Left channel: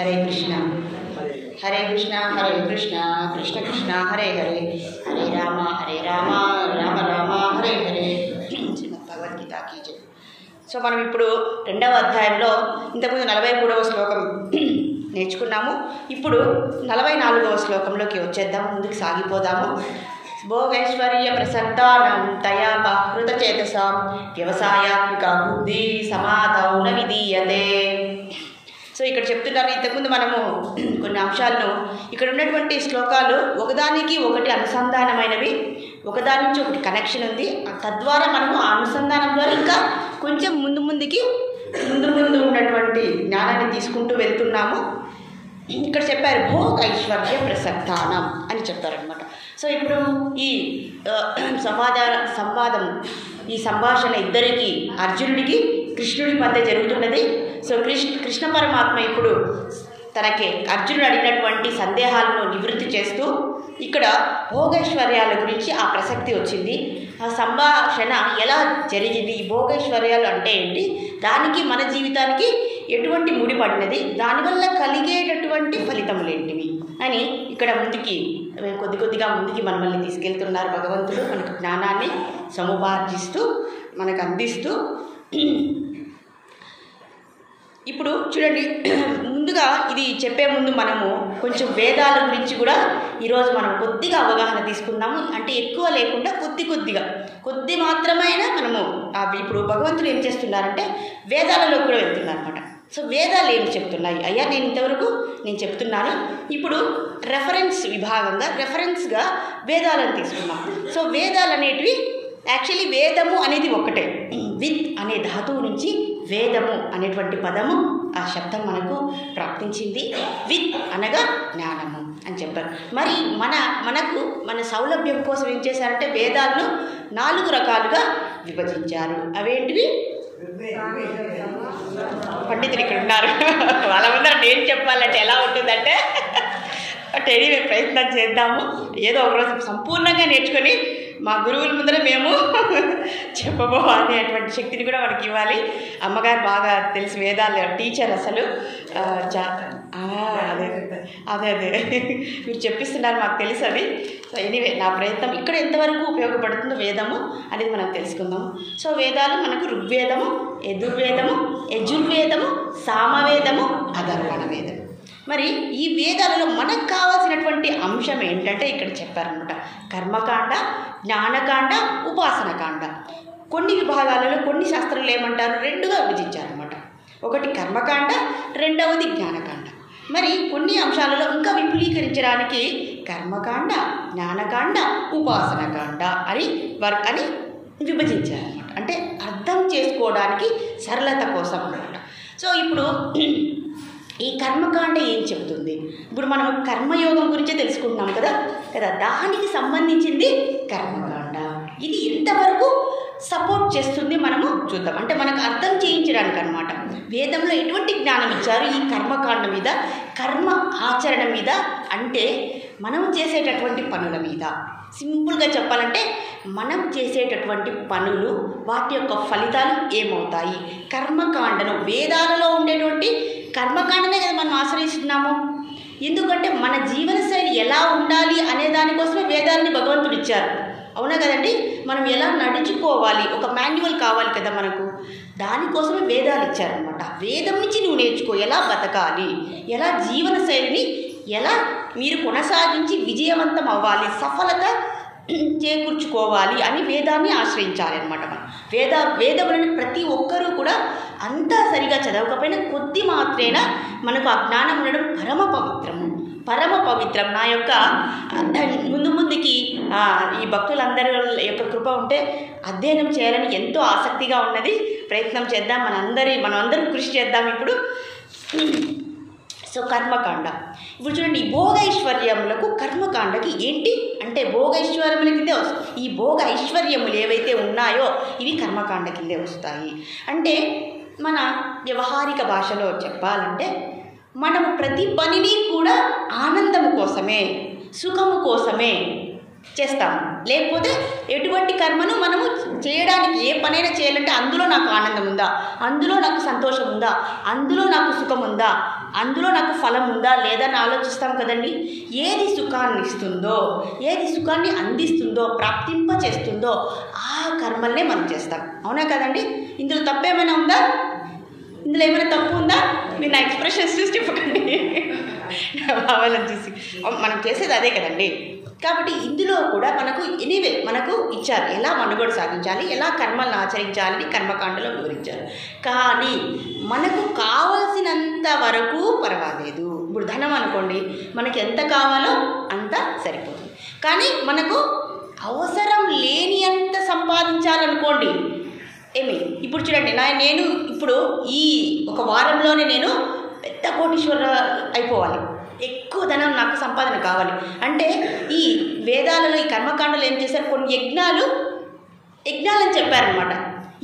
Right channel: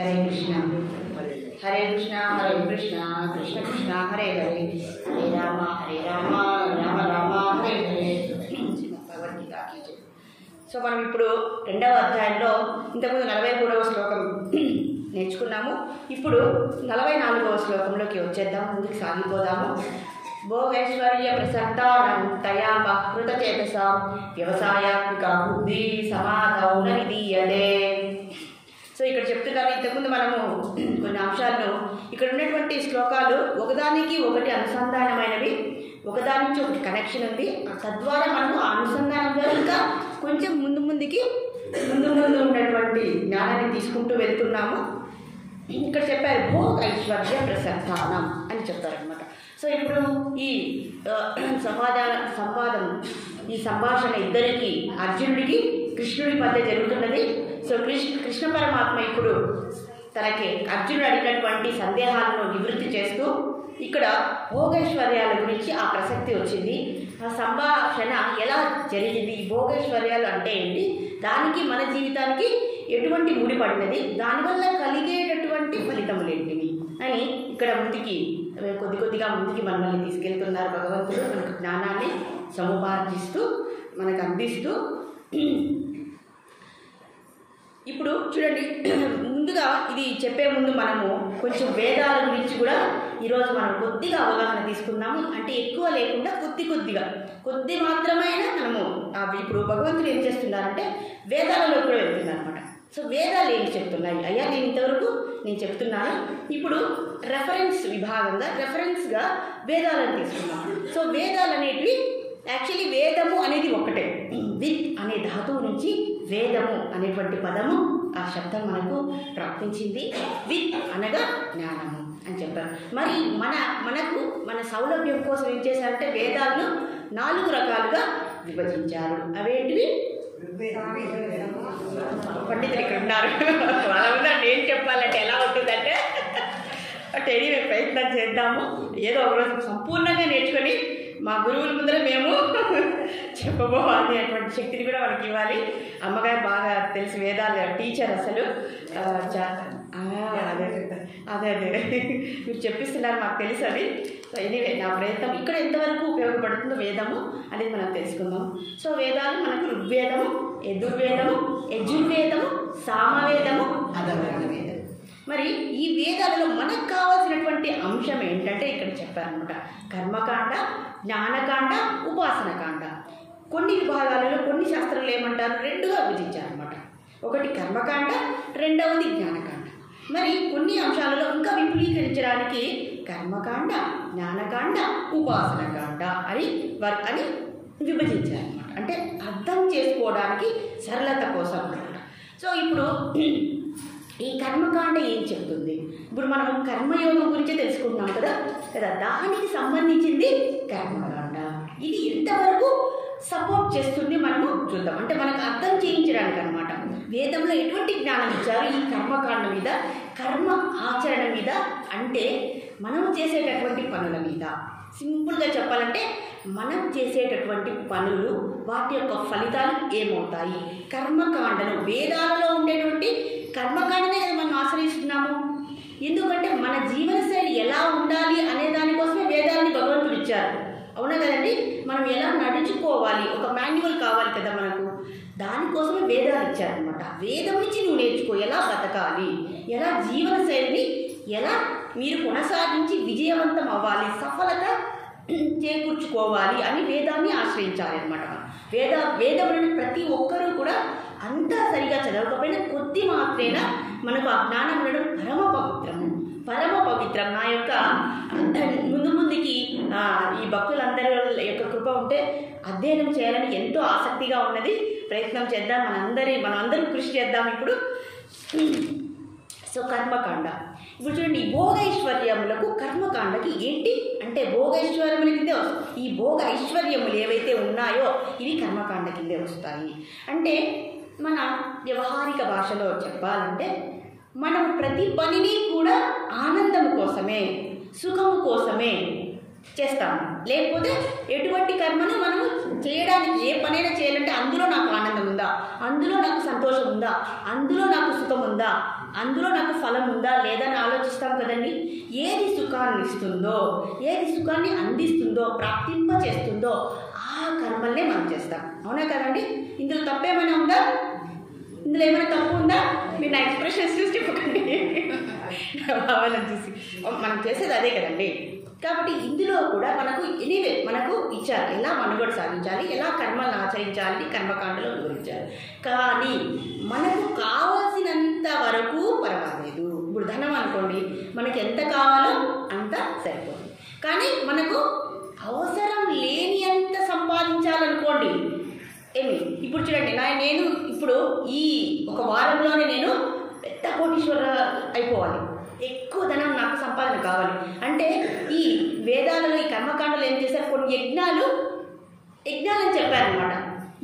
హరే కృష్ణ హరే కృష్ణ కృష్ణ కృష్ణ హరే హరే హరే రామ రామ రామ హరే హరే. శ్రీమద్ Bhagavad Gita key జై. So మనం ఇప్పుడు 2వ అధ్యాయంలో ఇంతకుముందు 43వ శ్లోకం నేర్చుకున్నాము. ఇప్పుడు 44వ శ్లోకంలోకి వచ్చేద్దాం, ముందుకు సాగిపోదాము. భోగైశ్వర్య ప్రసక్తానం తయా బహృత చేతసాం వ్యవసాయాత్మిక బుద్ధి సమాధౌ న విధీయతే. సో ఇక్కడ చెప్తున్నారు, ఇంతకుముందు మనము కొన్ని అంశాలను, ఇక్కడ ఉన్నటువంటి శ్లోకాలు ఒకదానికి ఒకటి అనుసంధానమైనవి, ఒకదాని నుంచి ఒకటి కనెక్షన్ ఉంది. తద్వారా మనము ఆ అనుసంధానం ద్వారా ఇంకా కొంచెం ముందు ఉన్నటువంటి జ్ఞానాన్ని తీసుకుంటూ వెళ్తున్నాము. ఇక్కడ చెప్పారు భోగ ఐశ్వర్య ప్రసక్తానం అని చెప్పారనమాట. సో ఇప్పుడు ఈ సంభాషణ ఇద్దరికి, అర్జునుడికి కృష్ణుడి మధ్య జరుగుతున్నది. సో కృష్ణ పరమాత్మ ఇప్పుడు తనకి అర్జునుడు అడిగినటువంటి సందేహాలను నివృత్తి చేస్తూ ఇక్కడ భోగైశ్వర్యాల గురించి ఆ ప్రసక్తి వచ్చింది. ఆ సంభాషణ ఎలా జరిగింది, ఈ భోగైశ్వర్యాలు అంటే ఏంటి, దానికి మన జీవితానికి ఎటువంటి ముడిపడినది, దానివల్ల కలిగేటటువంటి ఫలితములు ఏంటివి అని ఇక్కడ కొద్దిగా ముందుకి మనల్ని తీసుకెళ్తున్నారు భగవంతుడు. మనకు జ్ఞానాన్ని సముపార్జిస్తూ మనకు అందిస్తూ. ఇప్పుడు చూడండి, ముందుగా ఇది చెప్పే ముందు మనము కొంచెం వేదాల గురించి కూడా ఈరోజు మనం కొద్దిగా అవగాహన తీసుకుందాము. అంటే ఎక్కువ లేకుండా కొద్ది మాత్రమైనా మనము ఇప్పుడు భగవంతుడు ఏం చేస్తున్నారంటే వేదాలలో కూడా వెళ్తున్నారనమాట. సో వేదాలు ఏం చెప్తున్నాయి అయ్యా, ఇంతవరకు నేను చెప్తున్నాను. ఇప్పుడు రెఫరెన్స్గా వేదాలను తీసుకున్నాం. సో వేదాలు అనేటివి యాక్చువల్లీ వేదము అనేది ఒకటే. విత్ అనే ధాతువు నుంచి వేదము అనేటువంటి పదము, ఆ శబ్దం మనకు ప్రాప్తించింది. విత్ అనగా జ్ఞానము అని చెప్పారు. మరి మన సౌలభ్యం కోసం ఏం చేశారంటే వేదాలను 4 రకాలుగా విభజించారు. అవేంటివి? పండితులు ఇక్కడ ఉన్నారు, వాళ్ళ ముందర నేను చెప్పాలంటే ఎలా ఉంటుందంటే ఎనీవే ప్రయత్నం చేద్దాము. ఏదో ఒకరోజు సంపూర్ణంగా నేర్చుకొని మా గురువుల ముందర మేము చెప్పబోవాలనేటువంటి శక్తిని కూడా మనకి ఇవ్వాలి. అమ్మగారు బాగా తెలుసు, వేదాల టీచర్ అసలు. అదే మీరు చెప్పిస్తున్నారు, మాకు తెలుసు అది. సో ఎనీవే నా ప్రయత్నం ఇక్కడ ఎంతవరకు ఉపయోగపడుతుందో వేదము అనేది మనం తెలుసుకుందాము. సో వేదాలు మనకు ఋగ్వేదము, యజుర్వేదము, సామవేదము, అథర్వణ వేదము. మరి ఈ వేదాలలో మనకు కావాల్సినటువంటి అంశం ఏంటంటే ఇక్కడ చెప్పారనమాట, కర్మకాండ, జ్ఞానకాండ, ఉపాసనకాండ. కొన్ని విభాగాలలో కొన్ని శాస్త్రాలు ఏమంటారు, 2గా విభజించారనమాట. ఒకటి కర్మకాండ, రెండవది జ్ఞానకాండ. మరి కొన్ని అంశాలలో ఇంకా విపులీకరించడానికి కర్మకాండ, జ్ఞానకాండ, ఉపాసనకాండ అని విభజించారనమాట. అంటే అర్థం చేసుకోవడానికి సరళత కోసం అనమాట. సో ఇప్పుడు ఈ కర్మకాండ ఏం చెబుతుంది? ఇప్పుడు మనం కర్మయోగం గురించే తెలుసుకుంటున్నాం కదా, దానికి సంబంధించింది కర్మకాండ. ఇది ఎంతవరకు సపోర్ట్ చేస్తుంది మనము చూద్దాం. అంటే మనకు అర్థం చేయించడానికి అనమాట. వేదంలో ఎటువంటి జ్ఞానం ఇచ్చారు ఈ కర్మకాండ మీద, కర్మ ఆచరణ మీద, అంటే మనం చేసేటటువంటి పనుల మీద. సింపుల్గా చెప్పాలంటే మనం చేసేటటువంటి పనులు, వాటి యొక్క ఫలితాలు ఏమవుతాయి. కర్మకాండను, వేదాలలో ఉండేటువంటి కర్మకాండనే కదా మనం ఆశ్రయిస్తున్నాము. ఎందుకంటే మన జీవనశైలి ఎలా ఉండాలి అనే దానికోసమే వేదాలని భగవంతుడు ఇచ్చారు. అవునా కదండి? మనం ఎలా నడుచుకోవాలి, ఒక మాన్యువల్ కావాలి కదా మనకు, దానికోసమే వేదాలు ఇచ్చారనమాట. వేదం నుంచి నువ్వు నేర్చుకో, ఎలా బతకాలి, ఎలా జీవనశైలిని ఎలా మీరు కొనసాగించి విజయవంతం అవ్వాలి, సఫలత చేకూర్చుకోవాలి అని వేదాన్ని ఆశ్రయించాలి అనమాట. మనం వేదములను ప్రతి ఒక్కరూ కూడా అంతా సరిగా చదవకపోయినా కొద్ది మాత్రేనా మనకు ఆ జ్ఞానం ఉండడం పరమ పవిత్రం. నా యొక్క ముందుకి ఈ భక్తులందరి యొక్క కృప ఉంటే అధ్యయనం చేయాలని ఎంతో ఆసక్తిగా ఉన్నది. ప్రయత్నం చేద్దాం, మనం అందరం కృషి చేద్దాం. ఇప్పుడు సో కర్మకాండ ఇప్పుడు చూడండి, ఈ భోగైశ్వర్యములకు కర్మకాండకి ఏంటి అంటే భోగైశ్వర్యముల కిందే వస్తాయి. ఈ భోగ ఐశ్వర్యములు ఏవైతే ఉన్నాయో ఇవి కర్మకాండ కిందే వస్తాయి. అంటే మన వ్యవహారిక భాషలో చెప్పాలంటే మనము ప్రతి పనిని కూడా ఆనందము కోసమే, సుఖము కోసమే చేస్తాము. లేకపోతే ఎటువంటి కర్మను మనము చేయడానికి, ఏ పనైనా చేయాలంటే అందులో నాకు ఆనందం ఉందా, అందులో నాకు సంతోషం ఉందా, అందులో నాకు సుఖం ఉందా, అందులో నాకు ఫలం ఉందా లేదా అని ఆలోచిస్తాం కదండి. ఏది సుఖాన్ని ఇస్తుందో, ఏది సుఖాన్ని అందిస్తుందో, ప్రాప్తింప చేస్తుందో ఆ కర్మల్నే మనం చేస్తాం. అవునా కదండి? ఇందులో తప్పేమైనా ఉందా? ఇందులో ఏమైనా తప్పు ఉందా? మీరు నా ఎక్స్ప్రెషన్స్ చూసి చెప్పకండి, నా భావాలను చూసి. మనం చేసేది అదే కదండి. కాబట్టి ఇందులో కూడా మనకు ఎనీవే మనకు ఇచ్చారు ఎలా మనుగడ సాగించాలి, ఎలా కర్మలను ఆచరించాలని కర్మకాండలో వివరించారు. కానీ మనకు కావాల్సినంత వరకు పర్వాలేదు. ఇప్పుడు ధనం అనుకోండి, మనకి ఎంత కావాలో అంత సరిపోతుంది. కానీ మనకు అవసరం లేని అంత సంపాదించాలనుకోండి, ఇప్పుడు చూడండి, నేను ఇప్పుడు ఈ ఒక వారంలోనే నేను పెద్ద కోటీశ్వర అయిపోవాలి, ఎక్కువ ధనం నాకు సంపాదన కావాలి అంటే ఈ వేదాలలో ఈ కర్మకాండలు ఏం చేశారు, కొన్ని యజ్ఞాలని చెప్పారనమాట.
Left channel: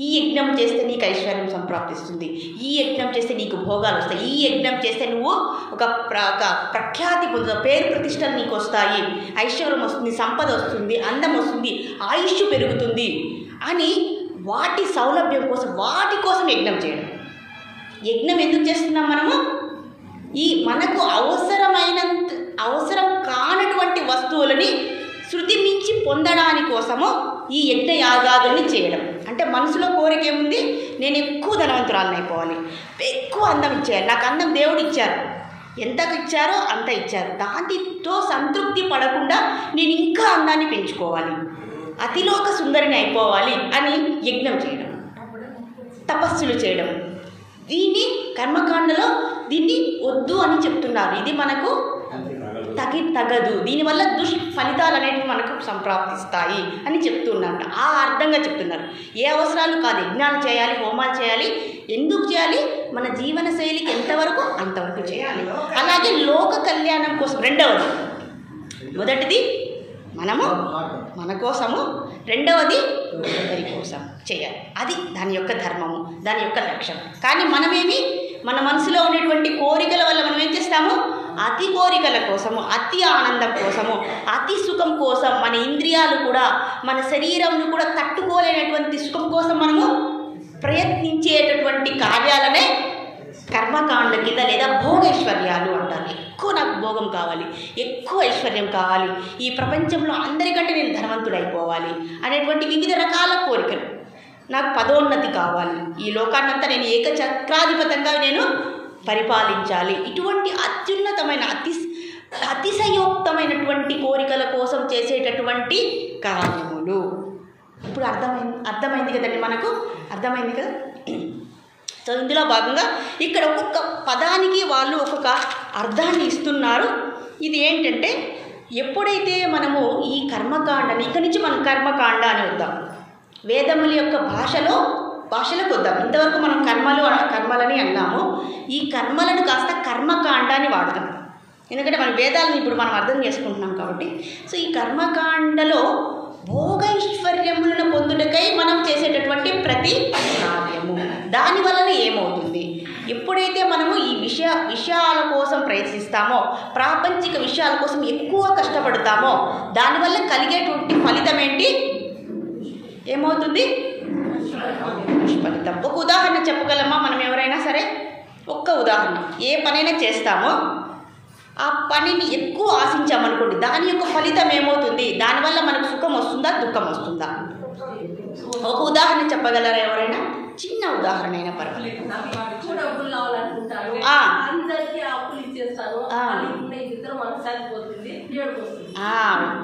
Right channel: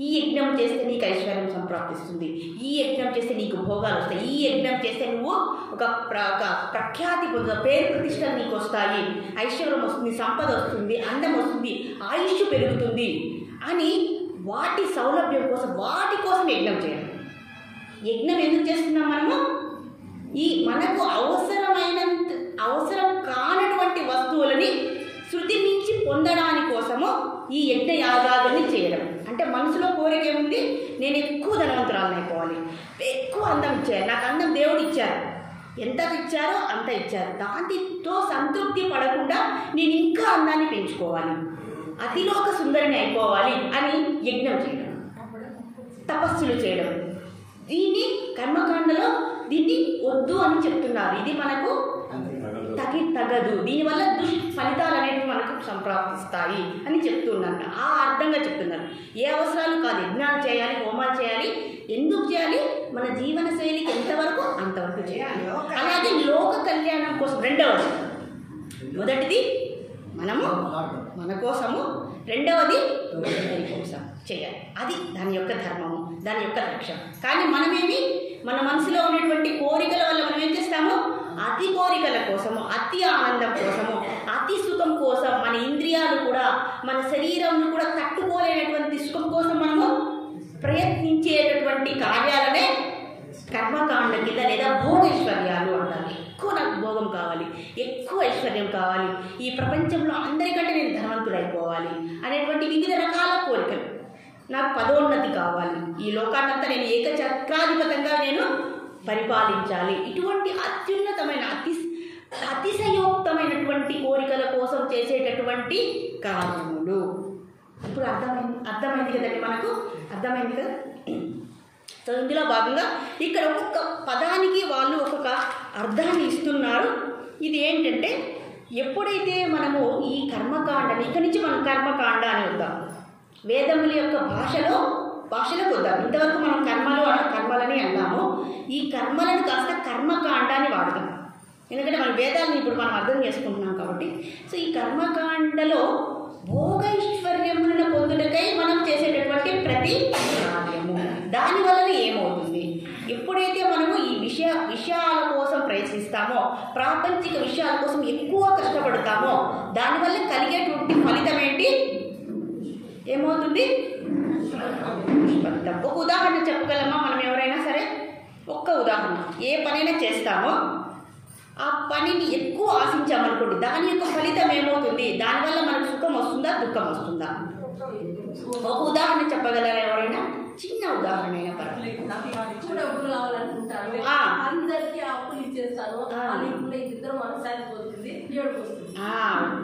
ఈ యజ్ఞం చేస్తే నీకు ఐశ్వర్యం సంప్రాప్తిస్తుంది, ఈ యజ్ఞం చేస్తే నీకు భోగాలు వస్తాయి, ఈ యజ్ఞం చేస్తే నువ్వు ఒక ప్రఖ్యాతి పొందుతావు, పేరు ప్రతిష్టలు నీకు వస్తాయి, ఐశ్వర్యం వస్తుంది, సంపద వస్తుంది, అందం వస్తుంది, ఆయుష్ పెరుగుతుంది అని వాటి సౌలభ్యం కోసం వాటి కోసం యజ్ఞం చేయడం. యజ్ఞం ఎందుకు చేస్తున్నాం మనము? ఈ మనకు అవసరం కానటువంటి వస్తువులని శృతి మించి పొందడాని కోసము ఈ యజ్ఞ యాగాదుల్ని చేయడం. అంటే మనసులో కోరిక ఏముంది, నేను ఎక్కువ ధనవంతురాలను అయిపోవాలి, ఎక్కువ అందం ఇచ్చేయాలి, నాకు అందం దేవుడు ఇచ్చారు, ఎంతకు ఇచ్చారో అంత ఇచ్చారు, దాంతో సంతృప్తి పడకుండా నేను ఇంకా అందాన్ని పెంచుకోవాలి, అతిలోక సుందరిని అయిపోవాలి అని యజ్ఞం చేయడం, తపస్సులు చేయడం. దీన్ని కర్మకాండలో దీన్ని వద్దు అని చెప్తున్నారు. ఇది మనకు తగదు, దీనివల్ల ఫలితాలు అనేవి మనకు సంప్రాప్తిస్తాయి అని చెప్తున్నారు. ఆ అర్థంగా చెప్తున్నారు. ఏ అవసరాలు కాదు, యజ్ఞాలు చేయాలి, హోమాలు చేయాలి. ఎందుకు చేయాలి? మన జీవన శైలికి ఎంతవరకు అంతవరకు చేయాలి. అలాగే లోక కళ్యాణం కోసం రెండవది, మొదటిది మనము మన కోసము, రెండవది అందరి కోసం చేయాలి. అది దాని యొక్క ధర్మము, దాని యొక్క లక్ష్యం. కానీ మనమేమి మన మనసులో ఉండేటువంటి కోరికల వల్ల మనం ఏం చేస్తాము, అతి కోరికల కోసము, అతి ఆనందం కోసము, అతి సుఖం కోసం, మన ఇంద్రియాలు కూడా మన శరీరంను కూడా తట్టుకోలేనటువంటి సుఖం కోసం మనము ప్రయత్నించేటటువంటి కార్యాలనే కర్మకాండ కింద లేదా భోగైశ్వర్యాలు అంటారు. ఎక్కువ నాకు భోగం కావాలి, ఎక్కువ ఐశ్వర్యం కావాలి, ఈ ప్రపంచంలో అందరికంటే నేను ధనవంతుడైపోవాలి అనేటువంటి వివిధ రకాల కోరికలు, నాకు పదోన్నతి కావాలి, ఈ లోకాన్నంతా నేను ఏకచక్రాధిపతంగా నేను పరిపాలించాలి, ఇటువంటి అత్యున్నతమైన అతిశయోక్తమైనటువంటి కోరికల కోసం చేసేటటువంటి కార్యములు. ఇప్పుడు అర్థమైంది కదండి, మనకు అర్థమైంది కదా. సో ఇందులో భాగంగా ఇక్కడ ఒక్కొక్క పదానికి వాళ్ళు ఒక్కొక్క అర్థాన్ని ఇస్తున్నారు. ఇది ఏంటంటే, ఎప్పుడైతే మనము ఈ కర్మకాండని ఇక్కడి నుంచి మనం కర్మకాండ అని వద్దాం, వేదముల యొక్క భాషలోకి వద్దాం. ఇంతవరకు మనం కర్మలని అన్నాము, ఈ కర్మలను కాస్త కర్మకాండ అని వాడతాం. ఎందుకంటే మన వేదాలను ఇప్పుడు మనం అర్థం చేసుకుంటున్నాం కాబట్టి. సో ఈ కర్మకాండలో భోగైశ్వర్యములను పొందుటకై మనం చేసేటటువంటి ప్రతి కార్యము, దానివలన ఏమవుతుంది, ఎప్పుడైతే మనము ఈ విషయాల కోసం ప్రయత్నిస్తామో, ప్రాపంచిక విషయాల కోసం ఎక్కువ కష్టపడతామో, దానివల్ల కలిగేటువంటి ఫలితం ఏంటి, ఏమవుతుంది, ఫలితం. ఒక ఉదాహరణ చెప్పగలమా మనం ఎవరైనా సరే? ఒక్క ఉదాహరణ. ఏ పనైనా చేస్తామో ఆ పనిని ఎక్కువ ఆశించామనుకోండి, దాని యొక్క ఫలితం ఏమవుతుంది, దానివల్ల మనకు సుఖం వస్తుందా, దుఃఖం వస్తుందా? ఒక ఉదాహరణ చెప్పగలరా ఎవరైనా? చిన్న ఉదాహరణ అయినా పర్వాలేదు.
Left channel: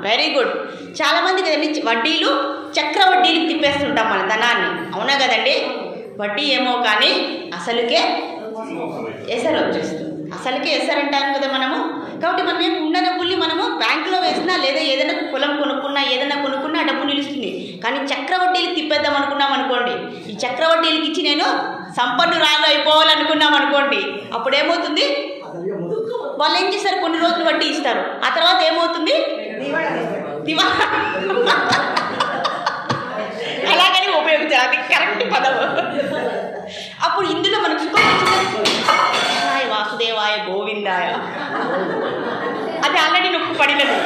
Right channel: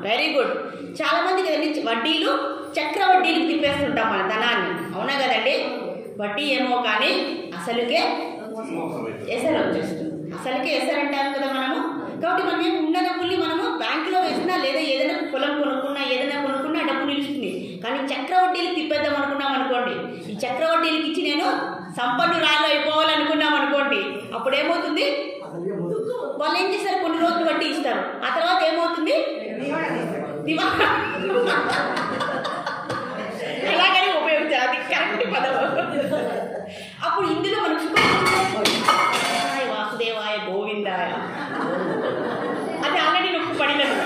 Very good. చాలామంది కదండి వడ్డీలు, చక్రవడ్డీలకు తిప్పేస్తుంటాం మన ధనాన్ని, అవునా కదండి? వడ్డీ ఏమో కానీ అసలుకే ఎసరు వచ్చేస్తుంది, అసలుకే ఎసరు అంటాను కదా మనము. కాబట్టి మనం ఏమి ఉన్న డబ్బుల్ని మనము బ్యాంకులో వేసినా లేదా ఏదైనా పొలం కొనుక్కున్నా ఏదైనా కొనుక్కున్నా ఆ డబ్బు నిలుస్తుంది. కానీ చక్రవడ్డీలకు తిప్పేద్దాం అనుకున్నాం అనుకోండి, ఈ చక్రవడ్డీలకు ఇచ్చి నేను సంపన్నురాలు అయిపోవాలనుకున్నాం అనుకోండి, అప్పుడు ఏమవుతుంది, వాళ్ళు ఏం చేస్తారు, కొన్ని రోజులు వడ్డీ ఇస్తారు, ఆ తర్వాత ఏమవుతుంది, అలాగని ఉపయోగించాలి, అది కరెక్ట్ పదం. అప్పుడు ఇందులో మనకు సుఖం వచ్చింది, వాసుదేవాయ గోవిందాయ, అది ఆల్రెడీ నొక్కు పడినది.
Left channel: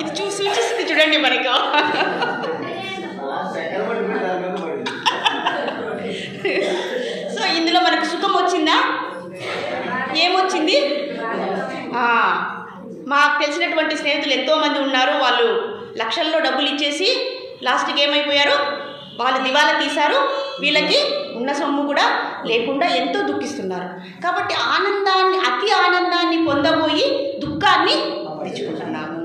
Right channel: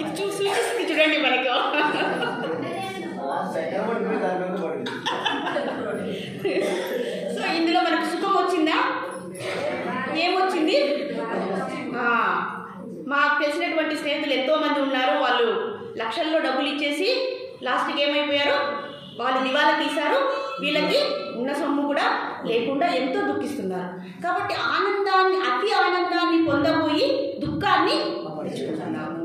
ఇది సూచిస్తుంది చూడండి మనకు. సో ఇందులో మనకు సుఖం వచ్చిందా? ఏమొచ్చింది? మాకు తెలిసినటువంటి స్నేహితులు ఎంతోమంది ఉన్నారు. వాళ్ళు లక్షల్లో డబ్బులు ఇచ్చేసి లాస్ట్కి ఏమైపోయారు? వాళ్ళు దివాలా తీశారు. వీళ్ళకి ఉన్న సొమ్ము కూడా లేకుండా ఎంతో దుఃఖిస్తున్నారు. కాబట్టి అతి ఆనందాన్ని పొందబోయి దుఃఖాన్ని తెచ్చుకుంటున్నాము.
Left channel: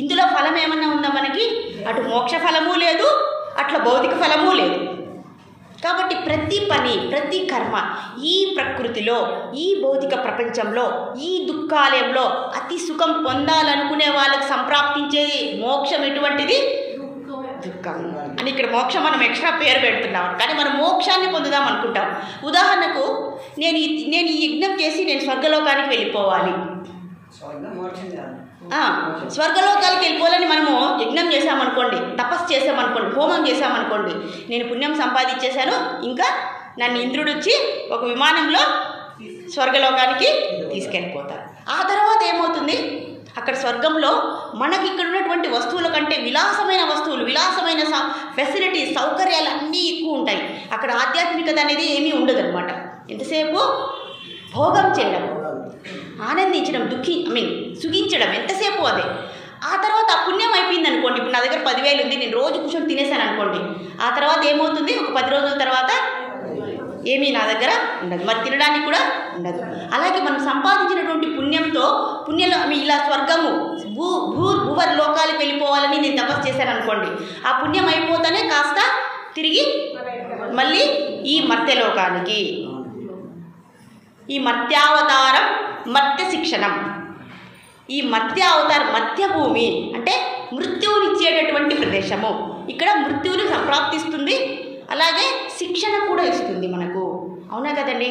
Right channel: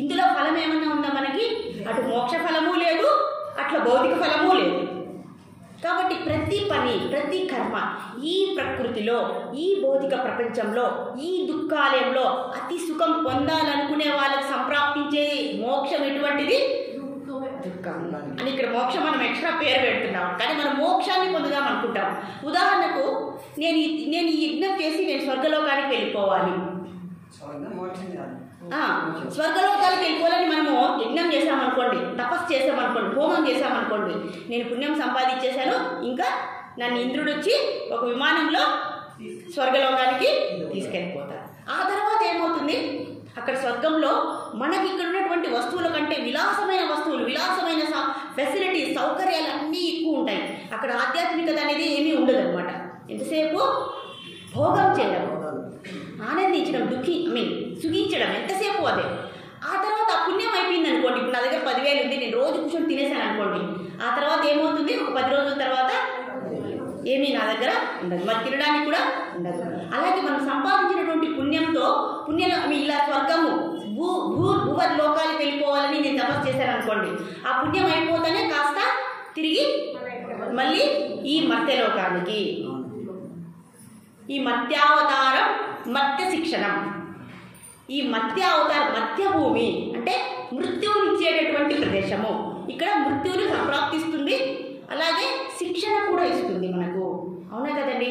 ఇందులో ఫలం ఏమన్నా ఉందా మనకి? అటు మోక్ష ఫలము లేదు, అట్లా భౌతిక ఫలము లేదు. కాబట్టి ప్రతి పని, ప్రతి కర్మ ఈ ప్రకృతిలో, ఈ భౌతిక ప్రపంచంలో, ఈ దుఃఖాలయంలో అతి సుఖం పొందాలనుకునే వాళ్ళకి సంప్రాప్తించే మోక్షం ఎటువంటిది? దుఃఖం అని. ఇక్కడ మోక్షం మనం ఎక్స్ట్రా పేరు పెడుతున్నాం, కానీ మనం మోక్షాన్ని పొందుదాం అనుకుంటాం. ఉదాహరణకు నేను ఈ యజ్ఞం చేసి నేను స్వర్గలోకానికి వెళ్ళిపోవాలి, స్వర్గలోకానికి వెళ్ళిపోవాలని మనము యజ్ఞం చేసామనుకోండి, తపస్సు చేసామనుకోండి, హోమం చేసామనుకోండి, నేను పుణ్యం సంపాదించేశాను, ఇంకా నన్ను ఇంద్రుడు వచ్చి ఒక విమానంలో స్వర్గలోకానికి తీసుకెళ్ళిపోతారు. ఆ తర్వాత ఏమవుతుంది? అక్కడ స్వర్గంలో మనకి ఇక్కడ ఉన్నటువంటి వస్తువుల కంటే విలాసమైన వస్తువులు, విలాసమైన ఫెసిలిటీస్, సౌకర్యాలు అన్నీ ఎక్కువ ఉంటాయి. అక్కడ ఆధ్యాత్మికత అనేది ఏమీ ఉండదు అనమాట. ఎంతసేపు భోగం చేయడం, ఆనందించడం, సుఖించడం, ఎంతసేపు అదే. ఆ తర్వాత ఆ పుణ్యం అయిపోయింది అనుకోండి. ఇప్పుడు నా దగ్గర 10,000 ఉంది, నేను రోజు కూర్చొని తినేసాను అనుకోండి. ఆ తర్వాత ఏమవుతుంది? ఒక 10 రోజుల తర్వాత ఏమీ నా దగ్గర ఉండదు, మరి తినడానికి కూడా ఉండదు. అలాగే మనం సంపాదించినటువంటి పుణ్యంతో ఇలా స్వర్గము, భూవర్ లోకాలకు వెళ్ళిపోవాలని నేను తపస్సు చేశాను అనుకోండి. ఆ పుణ్యం అయిపోతానే కాస్త తిరిగి మళ్ళీ ఈ మర్త్యలోకానికి, ఈ మర్త్యావతారం, మర్త్య శిక్షణం, ఈ మర్త్యావతారం, మర్త్యభూమి అంటే మృత్యువునిచ్చేటటువంటి ప్రదేశము. ఇక్కడ మృత్యువుని సంప్రాప్తిస్తుంది, అలాగే శిక్షణ కూడా ఇస్తుంది మనకు. అవునా కదండి?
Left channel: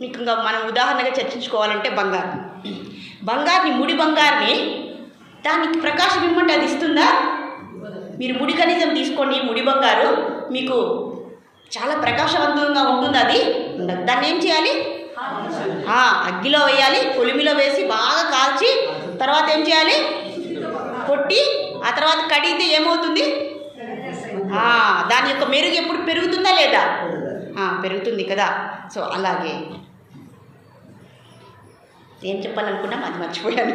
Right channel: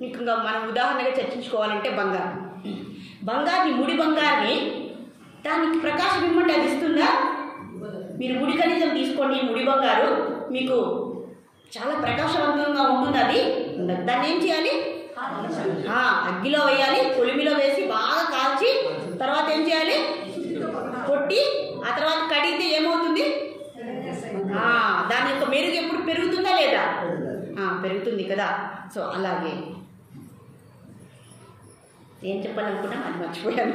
మీకు ఇంకా మనం ఉదాహరణగా చర్చించుకోవాలంటే బంగారుని, ముడి బంగారుని దానికి ప్రకాశం ఇమ్మంటే అది ఇస్తుందా? మీరు ముడి ఖనిజం తీసుకోండి, ముడి బంగారు మీకు చాలా ప్రకాశవంతంగా ఉంటుంది, అది ఉండదు. దాన్ని ఏం చేయాలి? అగ్గిలో వేయాలి, కొలిమిలో వేసి బాగా కాల్చి తర్వాత ఏం చేయాలి? కొట్టి ఆ తర్వాత కడిగితే ఏమవుతుంది? దాని యొక్క మెరుగు ఎప్పుడు పెరుగుతుందా లేదా? పెరుగుతుంది కదా. సో అలాగే ఏం చెప్పాలనుకున్నాం, అది మర్చిపోయాను.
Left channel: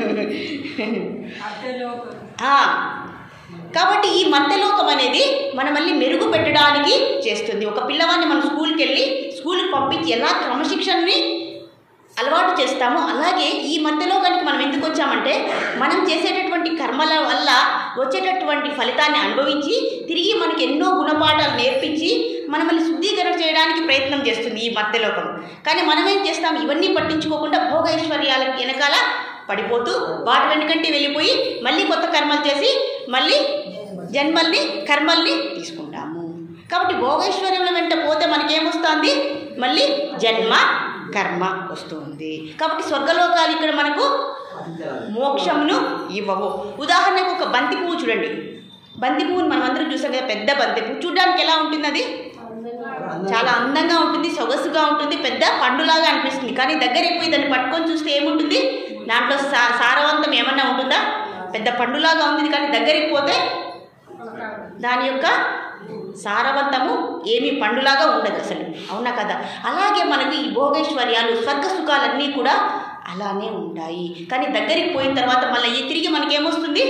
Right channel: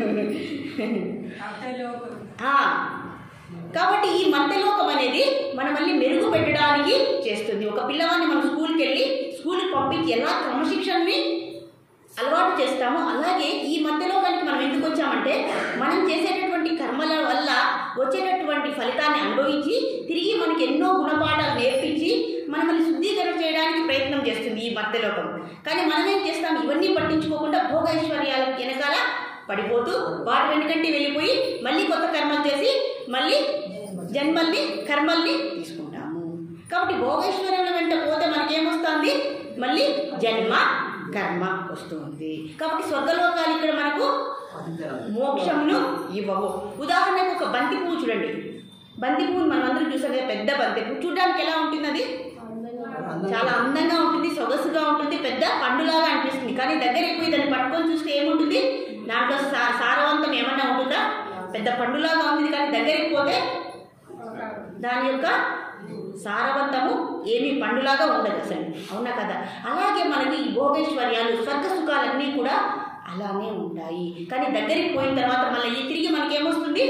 కాబట్టి ఈ మర్త్యలోకం అనేది మనం మళ్ళీ మెరుగు పెట్టడానికి చేస్తుంది. ఒక పిల్లవాడిని మనం స్కూల్కి పంపించి ఎలా క్రమశిక్షణని అలవాటు చేస్తామో, అలాగే ఈ మర్త్యలోకానికి మనం ఎందుకు వచ్చామంటే మనం చేసేటటువంటి కర్మల వల్ల వచ్చేటటువంటి ఫలితాన్ని అనుభవించి తిరిగి మనకి ఎన్నో గుణపాఠాలు నేర్పించి మనల్ని శుద్ధీకరణ చేయడానికి ప్రయత్నం చేస్తుంది ఈ మర్త్యలోకం. కానీ మనం ఏం చేస్తాం? ఇవన్నీ పట్టించుకోకుండా భోగైశ్వర్యాల వెనకాల పడిపోతూ వాటి వెనుకంటే వెళ్ళిపోయి మళ్ళీ కొత్త కర్మలు చేసి మళ్ళీ జన్మల్ని, కర్మల్ని తీసుకుంటాము. కాబట్టి భోగైశ్వర్యముల వెంట పోతే మనకేమొస్తుంది? మళ్ళీ జన్మ, కర్మ వస్తుంది. కాబట్టి స్వర్గలోకాలు ఇక్కడ మనకు మోక్షమును ఇవ్వవు. ఉదాహరణకు ఒక బంతి పువ్వు చూడండి. బంతి పువ్వుని మనం అందరం చూసాం కదా, పెద్ద బంతి పువ్వు చూడడానికి ఎలా ఉంటుంది? అది చాలా అందంగా ఉంటుంది, సొగసుగా ఉంటుంది, పెద్ద పండులాగా అనిపిస్తుంది. కానీ దగ్గరికి పోయి దాన్ని పట్టుకొని చూస్తే ఏముంటుంది? దాంట్లో సారవంతం ఏమన్నా ఉంటుందా? పెద్ద పండులాగా ఉంది, కానీ దగ్గరికి పోతే దాని యొక్క సారవంతము ఏమీ పండులాగా ఉండదు అసలు. అవునా కదా? అలాగే మనకు ఈ భోగైశ్వర్యాలు, స్వర్గ సుఖాలన్నీ కూడా అలానే ఉంటాయి. కానీ దగ్గరికి పోయిన తర్వాత మళ్ళీ తిరిగి మనకేమొస్తుంది?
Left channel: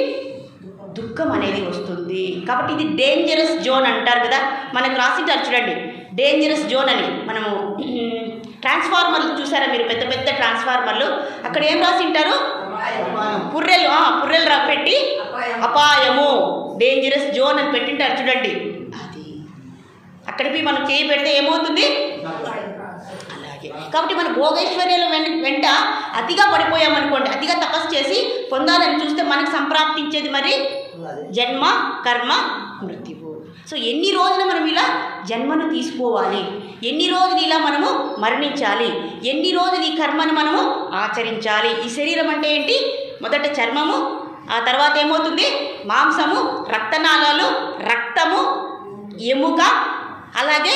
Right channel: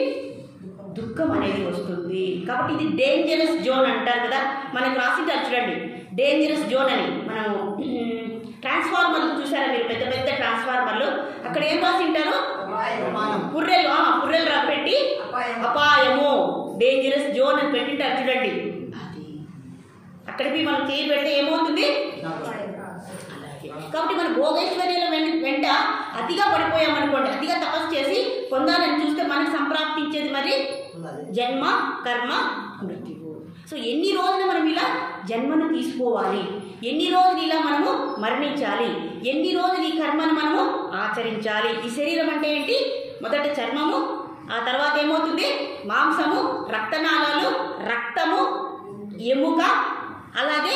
దుఃఖం అనేది వస్తుంది. కాబట్టి ఇది డేంజరస్ జోన్ అంటారు కదా, మనకు రాసింటారు చూడండి, డేంజరస్ జోన్ అని. మనము ట్రాన్స్ఫార్మర్లు చూసారా మీరు? పెద్ద పెద్ద ట్రాన్స్ఫార్మర్లు, అక్కడ ఏం రాసింటారు? పుర్రెలు పెట్టి అపాయము, డేంజరస్ జోన్ అని పెట్టింటారు చూడండి. అది అక్కడికి మనం చేయి పెడితే ఏమవుతుంది? అలాగే కాబట్టి మన భోగైశ్వర్యాల వెంట అతిగా పడిపోయామనుకోండి, అతిగా తపస్సు చేసి పొందాలని చూస్తే మనకు సంప్రాప్తించేది మరి జన్మ, కర్మ, మృత్యువు. సో ఎన్ని రోజులు మనం ఇలా జన్మను తీసుకోవాలి, ఎన్ని రోజులు ఇలా మనము మరణించాలి, ఎన్ని రోజులు ఈ కర్మను మనము ఆచరించాలి. ఈ శరీరం అంటే ఏంటి? మొదట చర్మము, ఆ తర్వాత ఏమవుతుంది? మాంసము, రక్తనాళాలు, రక్తము, ఎముక, అలాగే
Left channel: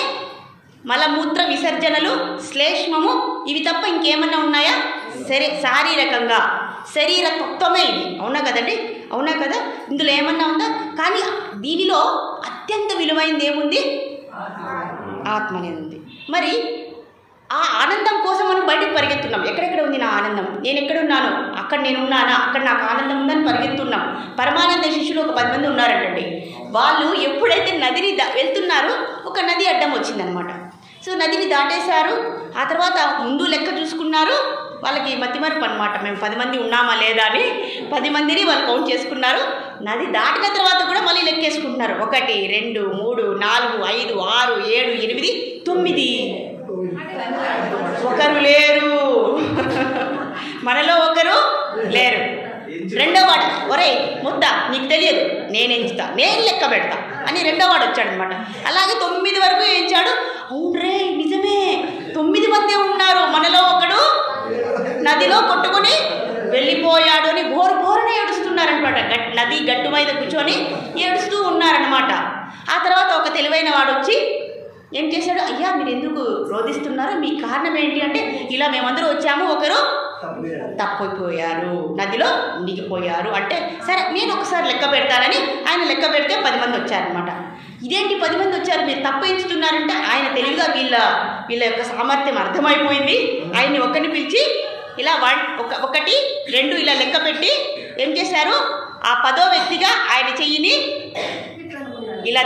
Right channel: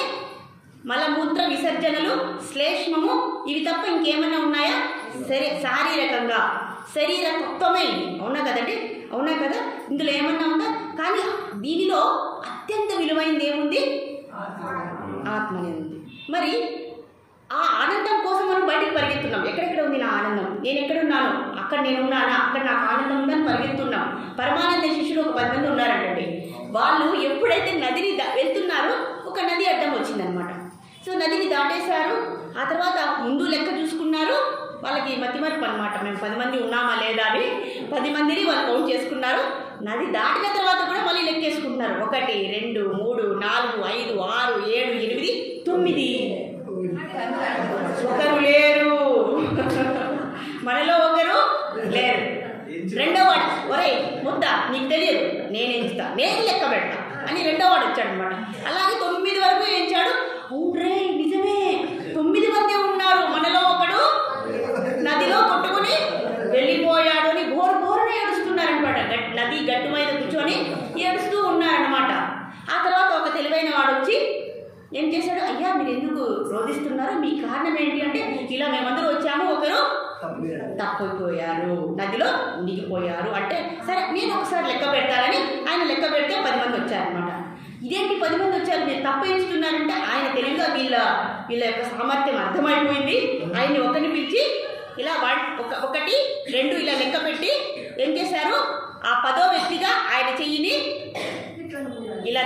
మలమూత్ర విసర్జనలు, శ్లేష్మము, ఇవి తప్ప ఇంకేమన్నా ఉన్నాయా? శారీరకంగా శరీర తత్వమే ఇది. అవునా కదండి? అవునా కదా? ఇందులో ఏమన్నా ఉందా? కానీ దీనిలో అత్యంత విలువైనది ఏముంది? ఆత్మ అనేది ఉంది. మరి ఆ ఆనందం కోసం మనం బయటకు పరిగెత్తున్నాం. ఎక్కడెక్కడ ఉంది నా ఆనందం, నేను ఎక్కడున్నాను, అక్కడ నేను ఉన్నానా, అక్కడ నాకు ఆనందం ఉందని పరిగెత్తున్నాం. పరమానంద శిష్యులు ఒక 10 మంది ఉన్నారంటండి. వాళ్ళు ఎప్పుడైతే నదిని వెళ్తున్నారో ఒక నది అడ్డం వచ్చిందనమాట. సో నదిని దాటేశారు. ఆ తర్వాత ముందు లెక్క చూసుకున్నారు. వాళ్ళకి మతిమరుపు అనమాట, మేము 10 మంది ఉన్నామా లేదా అని 10 మందిని వాళ్ళు కౌంట్ చేసుకున్నారు. నది దాటిన తర్వాత కూడా మళ్ళీ లెక్కేసుకుంటున్నారు. 1 2 3 4 5 6 7 8 9. ఒకరు లేరు, మనలో ఒకరు లేరు. రెండో వాడు, ఒరే ముద్ద నీకు తెలియదు, నేను ఎంచుతా, నేను లెక్క పెడతా అని రెండో వాడు వచ్చాడనమాట. అలాగే 9 వరకు ఎంచాడు. అవునరే నిజమే, 9 మందే ఉన్నారు, మనలో ఒకడు నదిలో కొట్టుకుని వెళ్ళిపోయాడు అని బోరునే ఏడుస్తున్నారనమాట. నది గట్టు మీద కూర్చొని ఏడుస్తూ ఉన్నారనమాట. ఆ తర్వాత ఒక తెలివైన వాడు వచ్చి ఏం చేశాడు, అయ్యా మీరు ఎందుకు రోధిస్తున్నారు, మీ కారణం ఏంటి అంటే, ఇలా మేమందరూ వచ్చాము, ఒకరు తప్పిపోయారు, నదిలో మునిగిపోయారు అంటే, సరే నేను ఒకసారి లెక్క పెడతానని ఆయన లెక్క పెడితే 10 మంది వచ్చారనమాట. ఇదేంటి 10 మంది వచ్చారు, మీరు తప్పు ఎంచుతున్నారంటే ఆయన తెలివిగా వీళ్ళ యొక్క సామర్థ్యం అర్థమైపోయింది. ఆయన్ని ఒకరిని పిలిచి ఇలా 1 2 ఇలా లెక్క పెట్టి ఏం చేశారు, ఆ 10వ వ్యక్తిగా ఆయన చెయ్యిని ఇలా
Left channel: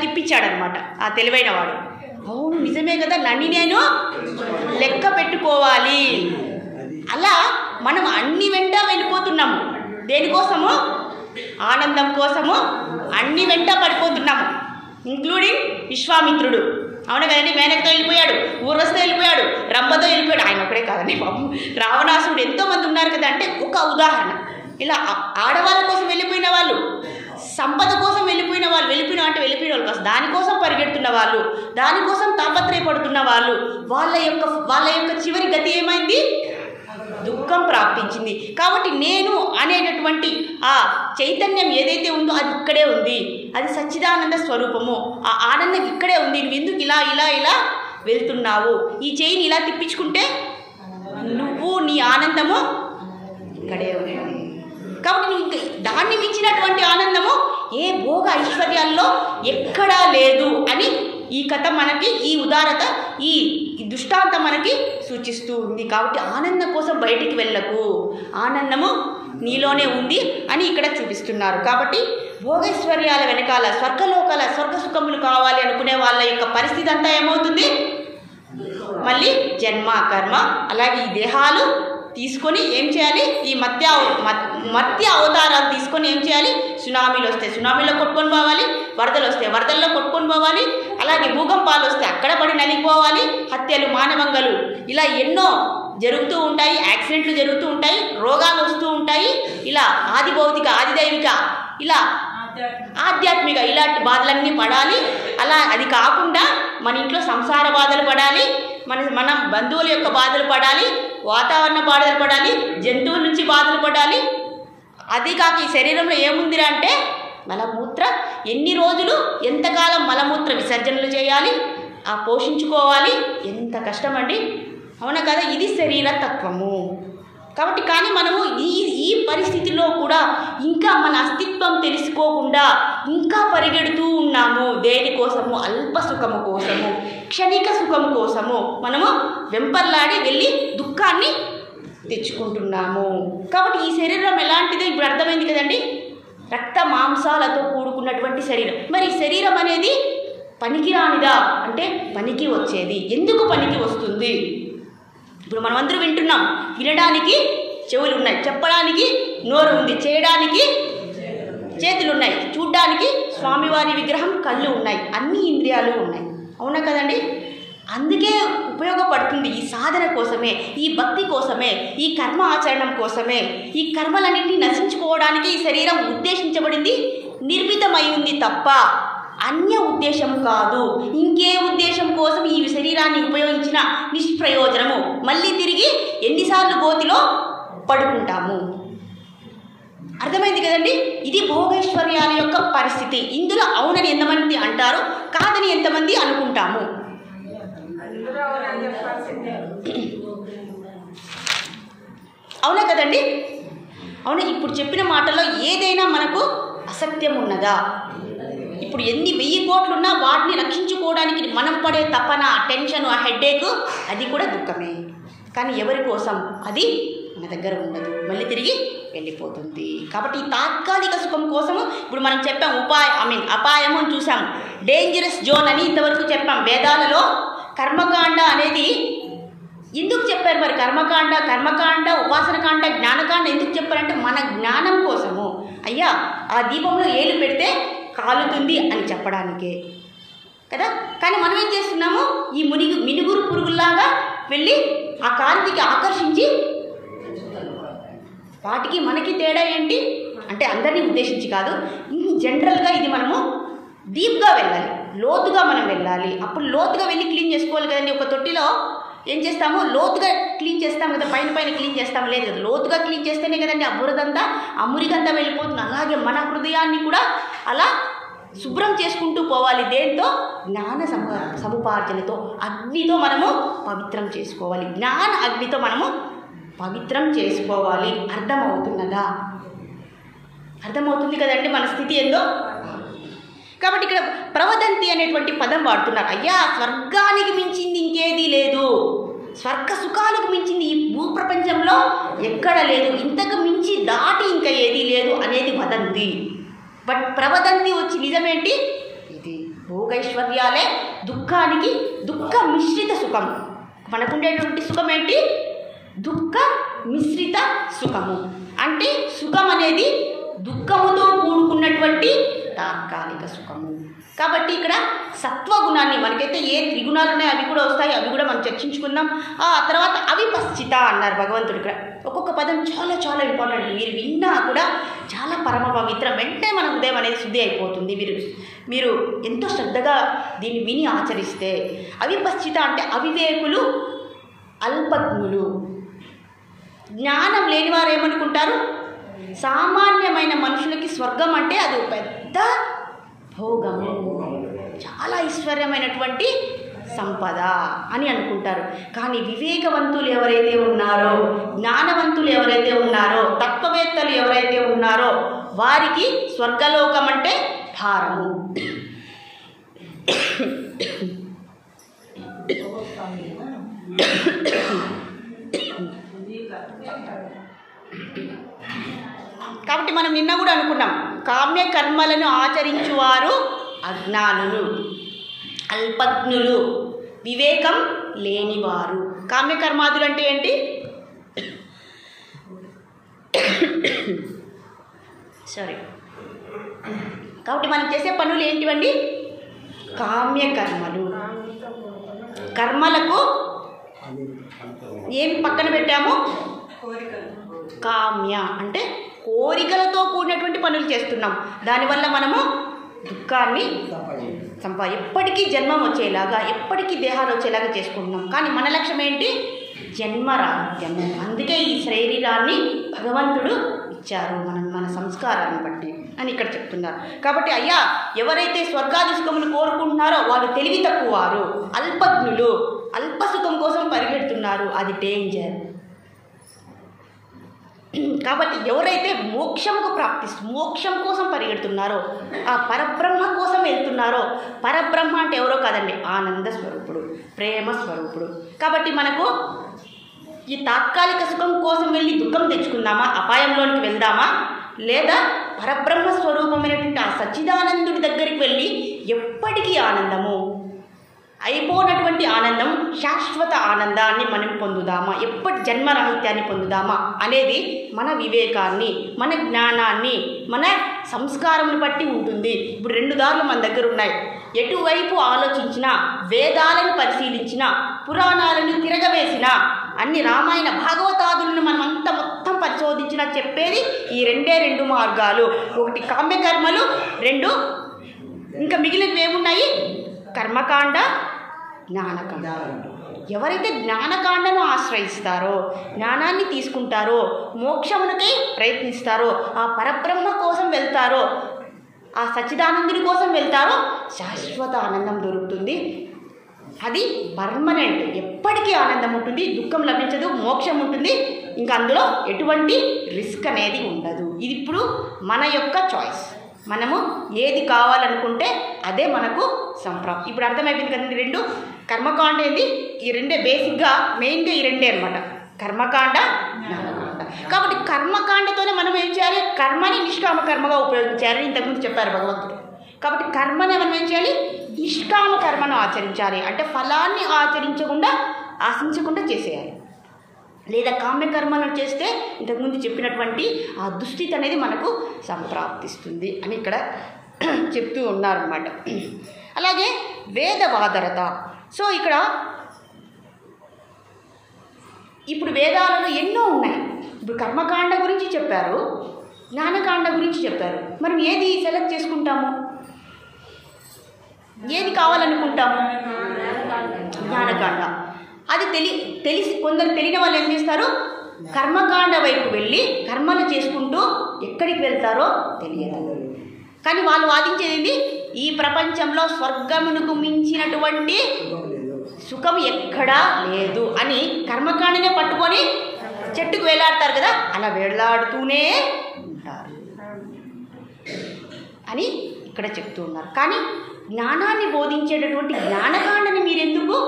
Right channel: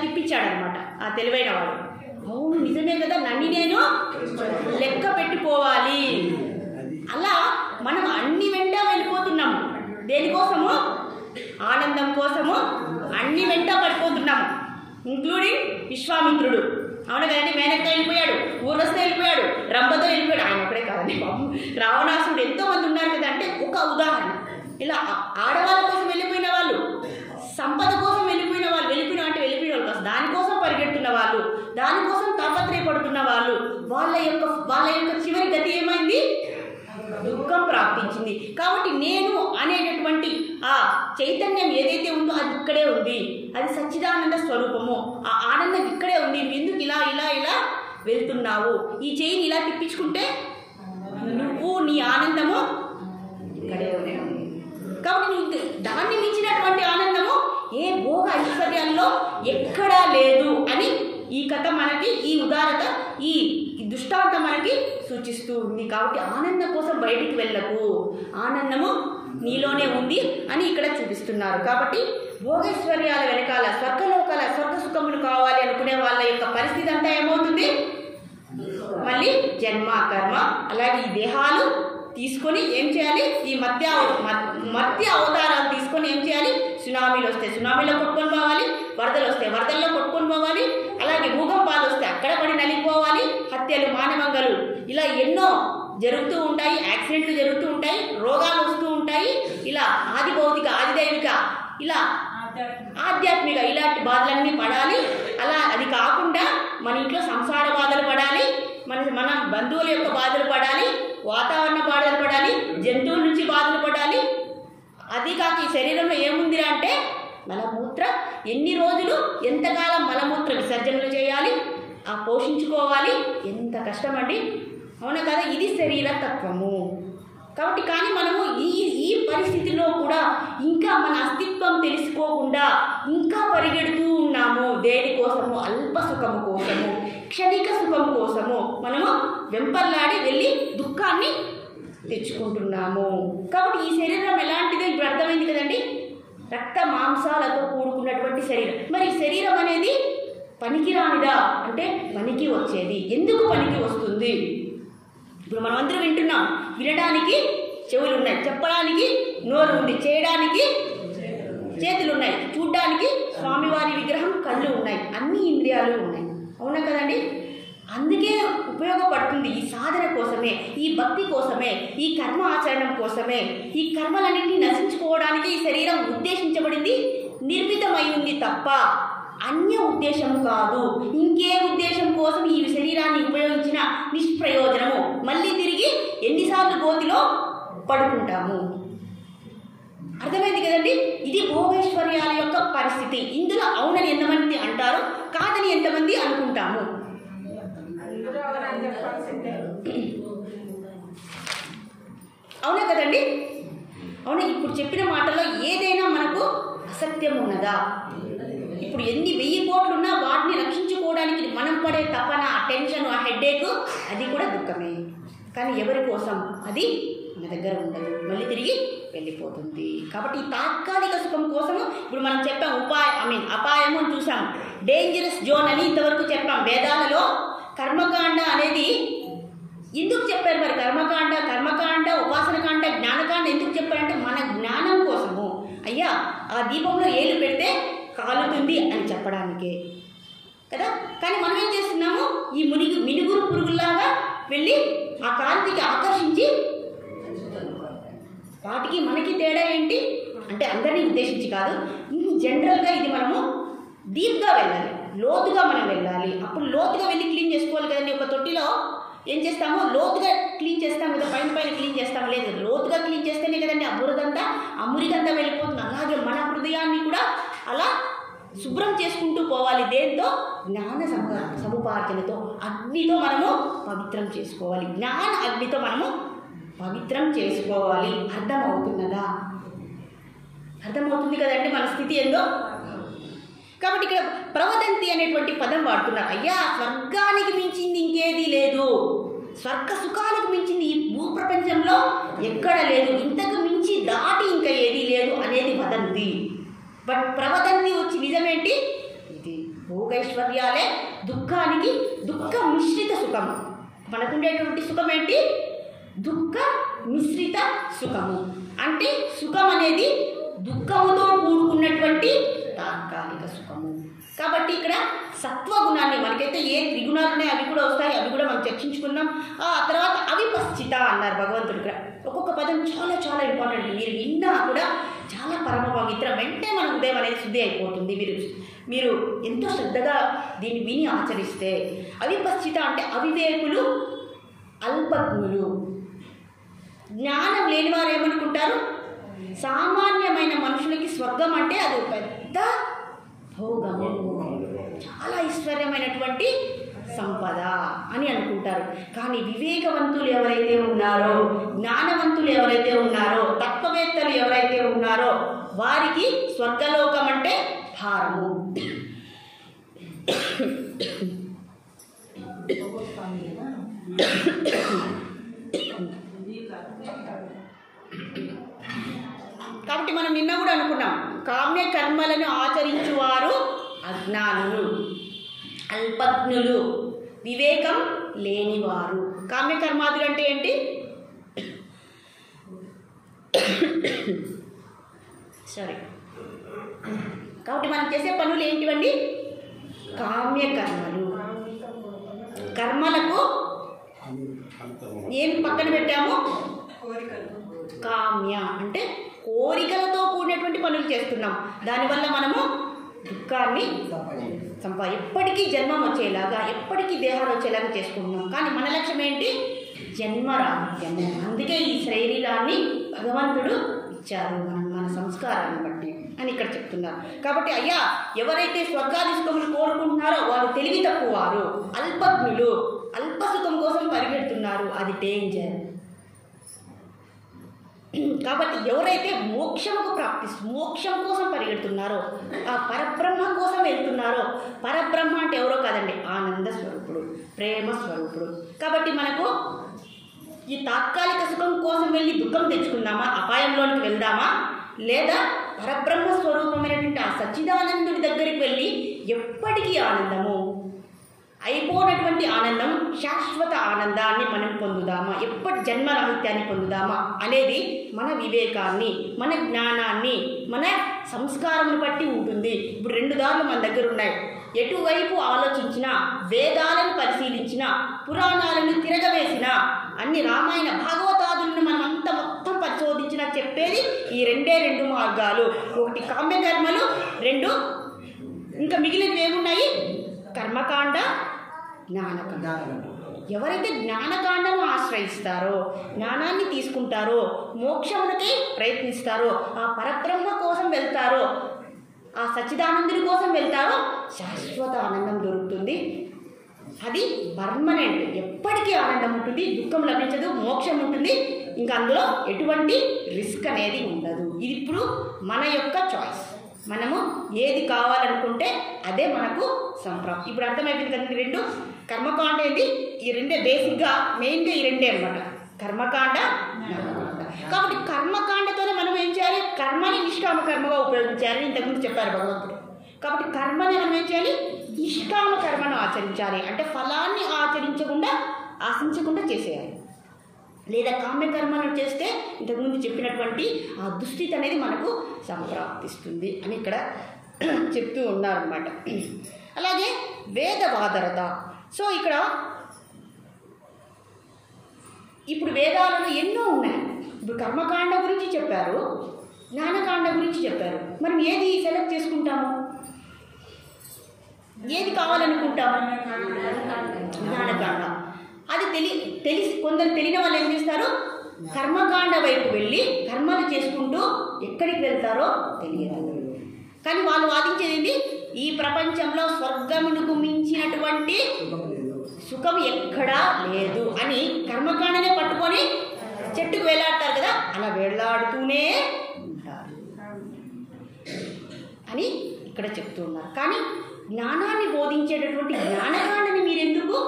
తిప్పించాడనమాట ఆ తెలివైన వాడు. అవును నిజమే కదా, నన్ను నేను లెక్క పెట్టుకోవాలి. అలా మనం అన్ని వెంట వెళ్ళిపోతున్నాము. దేనికోసము, ఆనందం కోసము అన్ని వెంట పడిపోతున్నాము, ఇంక్లూడింగ్ విశ్వామిత్రుడు. అవును కదండి, మేనకతో వెళ్ళిపోయాడు, ఊర్వశితో వెళ్ళిపోయాడు, రంభతో వెళ్ళిపోయాడు. ఆయన ఒకడే కాదండి బాబు, రావణాసురుడు, ఎంతోమంది ఉన్నారు కదా. అంటే ఒక ఉదాహరణ. ఇలా ఆడవాళ్ళ కోసం వెళ్ళిపోయిన వాళ్ళు, సంపద కోసం వెళ్ళిపోయిన వాళ్ళు వెళ్ళిపోయిన వాళ్ళు కాదు, దానికోసం పరిగెడుతున్న వాళ్ళు, దానికోసం తాపత్రయపడుతున్న వాళ్ళు, వాళ్ళ యొక్క చివరి గతి ఏమైంది, దుఃఖం ప్రాప్తించింది. కాబట్టి నేను అనేటటువంటి ఆ చైతన్యం ఏదైతే ఉందో అది ఇక్కడే ఉంది, అది సచ్చిదానంద స్వరూపము. ఆ ఆనందం ఇక్కడే ఉంది. నువ్వు ఎందుకు ఇలా వెళ్తున్నావు, ఈ చెయ్యిని ఇలా తిప్పించుకుంటే నువ్వు నీ ఆనందము ఇక్కడే ఉంది. కాబట్టి నువ్వు దాన్ని మించినటువంటి ఆనందము ఏ భోగ ఐశ్వర్యాల్లో ఎక్కడా లేదు అని ఈ కథ మనకి, ఈ ఉదారత, ఈ దృష్టాంతం మనకి సూచిస్తూ ఉంది. కాబట్టి ఆనందం కోసం బయటికి వెళ్ళకు, ఆనందము నీలోనే ఉంది అని ఇక్కడ చూపిస్తున్నారు. కాబట్టి భోగైశ్వర్యాల వెనకాల స్వర్గలోకాల స్వర్గ సుఖములు కావాలి అనుకునే వాళ్ళ యొక్క పరిస్థితి అంతా ఏమవుతుంది, మళ్ళీ జన్మ కర్మ, అలాగే ఈ దేహాలు తీసుకొని ఏం చేయాలి, ఈ మత్య అవతారాలు తీసుకొని ఏం చేయాలి, సునామీలు వస్తే సునామీలో కొట్టుకొని పోవాలి, వరదలు వస్తే వరదల్లో కొట్టుకొని పోవాలి, అలాగే భూకంపాలు వస్తే అక్కడ పడి నలిగిపోవాలి, హత్యలు మానవంగలు ఇలా ఎన్నో జరుగుతూ ఉంటాయి, యాక్సిడెంట్లు జరుగుతూ ఉంటాయి, రోగాలు వస్తూ ఉంటాయి. ఇలా ఆది భౌతిక ఆది దైవిక ఇలా ఆధ్యాత్మిక ఇలాంటి బాధలన్నీ పడాలి. అలా అది కాకుండా మన ఇంట్లో సంసార బాధలు పడాలి, మన బంధువుల యొక్క బాధలు పడాలి, వాతావరణ బాధలు పడాలి, జంతువుల నుంచి బాధలు పడాలి. అది కాక ఈ శరీరంలో ఏముందిరా అంటే మలమూత్ర, ఎన్ని రోజులు ఎంతకాలం మలమూత్ర విసర్జనలు చేయాలి, ఆ పోషించుకోవాలి, ఎంత కష్టమండి, అవునా కదా. ఇది శరీర తత్వము. కాబట్టి కానీ మనము ఈ పరిస్థితిలో కూడా ఇంకా మన అస్తిత్వం తెలుసుకోకుండా ఇంకా పరిగెడుతూ ఉన్నాము. దేనికోసము, అల్ప సుఖము కోసము, క్షణిక సుఖము కోసము మనము వెంపర్లాడి వెళ్ళి దుఃఖాన్ని తెచ్చుకుంటున్నాము. కాబట్టి ఈ శరీరం ఎలాంటిదో ఇప్పుడు అర్థమైంది కదండి, రక్త మాంసాలతో కూడుకున్నటువంటి శరీరం. మరి శరీరం అనేది పనికిరానిదా అంటే పనికి వచ్చేది. ఎందుకు పనికి వస్తుంది? ఇప్పుడు మనమందరూ వింటున్నాం, వినడానికి చెవులు ఉన్నాయి, చెప్పడానికి నోరు ఉంది, చేయడానికి చేతులు ఉన్నాయి, చూడ్డానికి స్వామివారి విగ్రహం కళ్ళు ఉన్నాయి, అన్ని ఇంద్రియాలు ఉన్నాయి, అవునా కదండి. అందుకే ఉపయోగపడుతుంది ఈ సాధన కోసమే, ఈ భక్తి కోసమే, ఈ కర్మ ఆచరణం కోసమే. ఈ కర్మలన్నింటినీ నశించుకోవడానికి ఈ శరీరం ఉద్దేశించబడింది, నిర్మితమై ఉంది తప్ప అన్య ఉద్దేశం కాదు. ఇంకే ఉద్దేశం కోసం ఈ శరీరాన్ని ఉపయోగించిన నిష్ప్రయోజనము. మళ్ళీ తిరిగి ఎన్నిసార్లు గోతిలో పడుకుంటాము. అర్థమైంది కదండి. ఇది భోగైశ్వర్యాల యొక్క పరిస్థితి. ఇందులో అవునని ఎంతమంది అంటారు, కాదని ఎంతమంది అనుకుంటాము. అవునా కదండి. అవునా. ఇప్పుడు చెప్పిన మాటల్లో ఏదైనా మనకు అసత్యం ఉన్నదా? ఇప్పుడు ఇప్పుడు ఎన్ని 1000 కోట్లున్నా వాటిని రక్షించుకోవడానికి మనం పడే తపన, టెన్షన్, ఆ హెడ్ఏక్ అది కూడా దుఃఖమే. కానీ ఎవరి కోసం? అది మన దగ్గర ఉండదు, మళ్ళీ తిరిగి వెళ్ళిపోతుంది. కాబట్టి ఈ తాత్కాలిక సుఖం కోసము ఇప్పుడు మనం చెప్పాం అపాయము అని చూసాం, డేంజరస్ జోన్ అని ఇంతవరకు చెప్పాం. వేదాలలో కర్మకాండ అనేది ఎందుకు చెప్పారు? మరి కర్మకాండ, ఉపాసనకాండ, జ్ఞానకాండ ఎందుకు చెప్పారంటే మన జ్ఞానం కోసము. అయ్యా ఆ దీపంలో ఏలు పెడితే కాలుతుంది అని చెప్పడానికే కదా. కానీ మనం ఏం చేస్తున్నాము? ఈ మినుగురు పురుగుల్లాగా వెళ్ళి ఆ కాంతికి ఆకర్షించి, వాటికి మనకి తేడా ఏంటి అంటే అందరినీ ఉద్దేశించి కాదు, జనరల్గా ఇది మనము డీప్గా వెళ్ళాలి, లోతుగా మనం వెళ్ళాలి. అప్పుడు లోతుగా వెళ్ళి క్లీన్ చేసుకోవాలి కదండి. ఒక తొట్టిలో ఏం చేస్తాము? లోతుగా క్లీన్ చేస్తాం కదా, పైన క్లీన్ చేస్తాం లేదు కదా. లోతుగా క్లీన్ చేస్తేనే కదండి ఆ బురదంతా, ఆ మురికంతా వెళ్ళిపోతుంది. అలాగే మన హృదయాన్ని కూడా అలా శుభ్రం చేసుకుంటూ పోవాలి. దేంతో? జ్ఞాన సముపార్జనతో, అగ్నితో మనము పవిత్రం చేసుకోవాలి. జ్ఞాన అగ్నితో మనము పవిత్రం చేసుకోవాలి. అర్థమవుతున్నదా? అర్థమవుతుంది కదండి మన స్థితి ఏందో. కాబట్టి ఇక్కడ ప్రవదంతి అనేటువంటి పదం వాడుతున్నారు. అయ్యా స్వర్గానికి మించింది ఇంకేదీ లేదు, స్వర్గ సుఖాలకు మించింది ఈ భూప్రపంచంలో ఎక్కడ లేదు, ఇంతకు మించి దాటి ఇంకా ఏదీ లేదు అనేది వదంతి. బట్ ప్రవదంతి వచ్చి నిజమేంటి? ఇది భోగైశ్వర్యాలే దుఃఖానికి దుఃఖ మిశ్రిత సుఖం. మనకుండేటువంటి సుఖం ఏంటి? దుఃఖ మిశ్రిత సుఖము. అంటే సుఖం అనేది దుఃఖముతో కూడుకున్నటువంటి తాత్కాలిక సుఖము. కాబట్టి ఇక్కడ సత్వగుణాన్ని, మనకైతే ఏ త్రిగుణాలు ఉన్నాయో అవి కూడా వస్తాయి, అవి కూడా మనం చర్చించుకున్నాం. ఆ తర్వాత అవిపశ్చిత అన్నారు భగవంతుడు. ఇక్కడ ఒక్కొక్క పదం చాలా చాలా ఇంపార్టెంట్. మీరు విన్నా కూడా చాలా పరమ పవిత్రం. వెంటనే మన హృదయం అనేది శుద్ధి అయిపోతుంది. మీరు ఎంతో శ్రద్ధగా దీన్ని విని ఆచరిస్తే. అవిపశ్చిత అంటే అవివేకులు, అల్పజ్ఞులు. జ్ఞానం లేని వారు ఏమనుకుంటారు? సామాన్యమైన మనుషులకి స్వర్గం అంటే అది పెద్ద భోగము, చాలా ఐశ్వర్యమైనటువంటి సంపద అని అనుకుంటారు. కానీ వివేకవంతులు ఎవరైతే ఉన్నారో, జ్ఞానవంతులు ఎవరైతే ఉన్నారో, తత్వవేత్తలు ఎవరైతే ఉన్నారో వారికి స్వర్గలోకం అంటే భారము. కాబట్టి మనం నిన్న కూడా అనుకున్నాం, కామ్య కర్మలను ఆచరించువారు అజ్ఞానులు, అల్పజ్ఞులు, వివేకం లేనివారు. కామ్యకర్మాదులు అంటే ఏంటి? సారీ. కాబట్టి మనం చేసే పనులు ఏంటివండి? కామ్యకర్మలు. కర్మలకు ఏం పక్కన పెట్టాము? కామ్య అంటే కోరికలతో కూడినటువంటి పనులు చేస్తున్నాం. దానివల్ల మనము దుఃఖాన్ని ఎప్పటికీ జన్మం వచ్చేలాగా, ఎప్పటికీ దేహాలు వచ్చేలాగా చేసుకుంటున్నాం. కానీ మన లక్ష్యం ఏంటి? జన్మరాహిత్యము. అందుకే ఈ శరీరాన్ని భగవంతుడు ఇచ్చారు మన సంస్కారాన్ని బట్టి అని ఇక్కడ చెప్తున్నారు. కాబట్టి అయ్యా ఎవరైతే స్వర్గాది సుఖములు కోరుకుంటున్నారో వాళ్ళు తెలివి తక్కువ వారు, అల్పజ్ఞులు, అల్ప సుఖం కోసం పరిగెడుతున్నారు. అది డేంజర్. కాబట్టి ఎవరైతే మోక్షం కోసం పరిగెడుతున్నారో, ఆ పరబ్రహ్మ కోసం వెళ్తున్నారో, పరబ్రహ్మ అంటే ఎవరో కాదండి, ఆనంద స్వరూపుడు, ప్రేమ స్వరూపుడు. కాబట్టి మనకు ఈ తాత్కాలిక సుఖం కోసం వెళ్ళి దుఃఖం తెచ్చుకుందామా, అపాయంలోనికి వెళ్దామా, లేదా పరబ్రహ్మ స్వరూపమైనటువంటి ఆ సచ్చిదానందుడి దగ్గరికి వెళ్ళి ఎప్పటికీ ఆనందము, అయిపోయినటువంటి ఆనందం, శాశ్వత ఆనందాన్ని మనం పొందుదామా, ఎప్పటి జన్మరాహిత్యాన్ని పొందుదామా అనేది మన వివేకాన్ని, మన జ్ఞానాన్ని, మన సంస్కారంను బట్టి ఉంటుంది. ఇప్పుడు 2 దారులు మన దగ్గర ఉన్నాయి. ఎటువైపు ఆలోచించినా, వేదాలను పరిశీలించినా, పురాణాలను తిరగవేసినా, అన్ని రామాయణ భాగవతాదులను మనం అంతా మొత్తం పరిశోధించినా చెప్పేది ఈ 2 మార్గాలు. ఒకటి కామ్యకర్మలు, 2 ఇంకా మిగిలినవి ఏమున్నాయి? కర్మకాండ, జ్ఞానకాండ. ఎవరైతే జ్ఞానకాండను ఆశ్రయిస్తారో, జ్ఞానాన్ని తీసుకుంటారో, మోక్షమునకై ప్రయత్నిస్తారో, ఆ పరబ్రహ్మ కోసం వెళ్తారో, ఆ సచ్చిదానందుని కోసం వెళ్తారో శాశ్వత ఆనందం దొరుకుతుంది. అది పర్మనెంట్, ఎప్పటికీ ఆనందం ఉంటుంది, దుఃఖం లభించదు, మోక్షం ఉంటుంది. ఇంకా అందులో ఎటువంటి రిస్క్ అనేది ఉండదు. ఇది ఇప్పుడు మన యొక్క చాయిస్. మనము ఏది కావాలనుకుంటే అదే మనకు సంప్రాప్తి. ఇప్పుడు అర్థమైపోయింది కదండి. రెండు కర్మకాండ ఏంది, ఈ రెండే బేసిక్గా మెయిన్గా ఈ రెండే అనమాట, కర్మకాండ జ్ఞానకాండ. కాబట్టి కర్మకాండతోనే మనం ఏం చేయాలి, కర్మని నిష్కామ కర్మగా ఉపయోగించాలని ఇంతకుముందు చెప్పారు భగవంతుడు. కాబట్టి కర్మని మనం ఏం చేయాలి, నిష్కామ కర్మను ఆచరించాలి. అంటే ఫలాన్ని ఆశించకుండా చేసేయాలి. లేదా కామ్యకర్మలను చేస్తే ఇంతకుముందు చెప్పినటువంటి ఆ దుస్థితి అనేది మనకు సంప్రాప్తిస్తుంది అని ఇక్కడ చెప్తూ ఉన్నారన్నమాట. అలాగే వేదవాదరత. సో ఇక్కడ ఇప్పుడు వేదాలలో ఎన్నో ఉన్నాయి. ఇప్పుడు కర్మకాండ గురించి చెప్పారు, జ్ఞానకాండ గురించి చెప్పారు. మనం ఏది సెలెక్ట్ చేసుకుంటాము, ఏది కావాలనుకుంటాము? జ్ఞానకాండ. అది తెలిసి కొందరు తెలియని వాళ్ళు ఏం చేస్తారు, కర్మకాండ వైపు వెళ్ళి కర్మలు చేసుకుంటూ ఎక్కడికి వెళ్తారో తెలియదు. కానీ వాళ్ళు వాదించేది ఈ ప్రపంచంలో స్వర్గమునకు మించినటువంటి సుఖం ఎక్కడా లేదు అని కర్మకాండనే పట్టుకొని చెట్టుకు వేలాడతారు కదా, అలా వేలాడుతూనే ఉంటారు అని ఇక్కడ చెప్తూ ఉన్నారు. కానీ జ్ఞానాన్ని బోధించేటటువంటి జ్ఞానకాండని మీరెందుకు,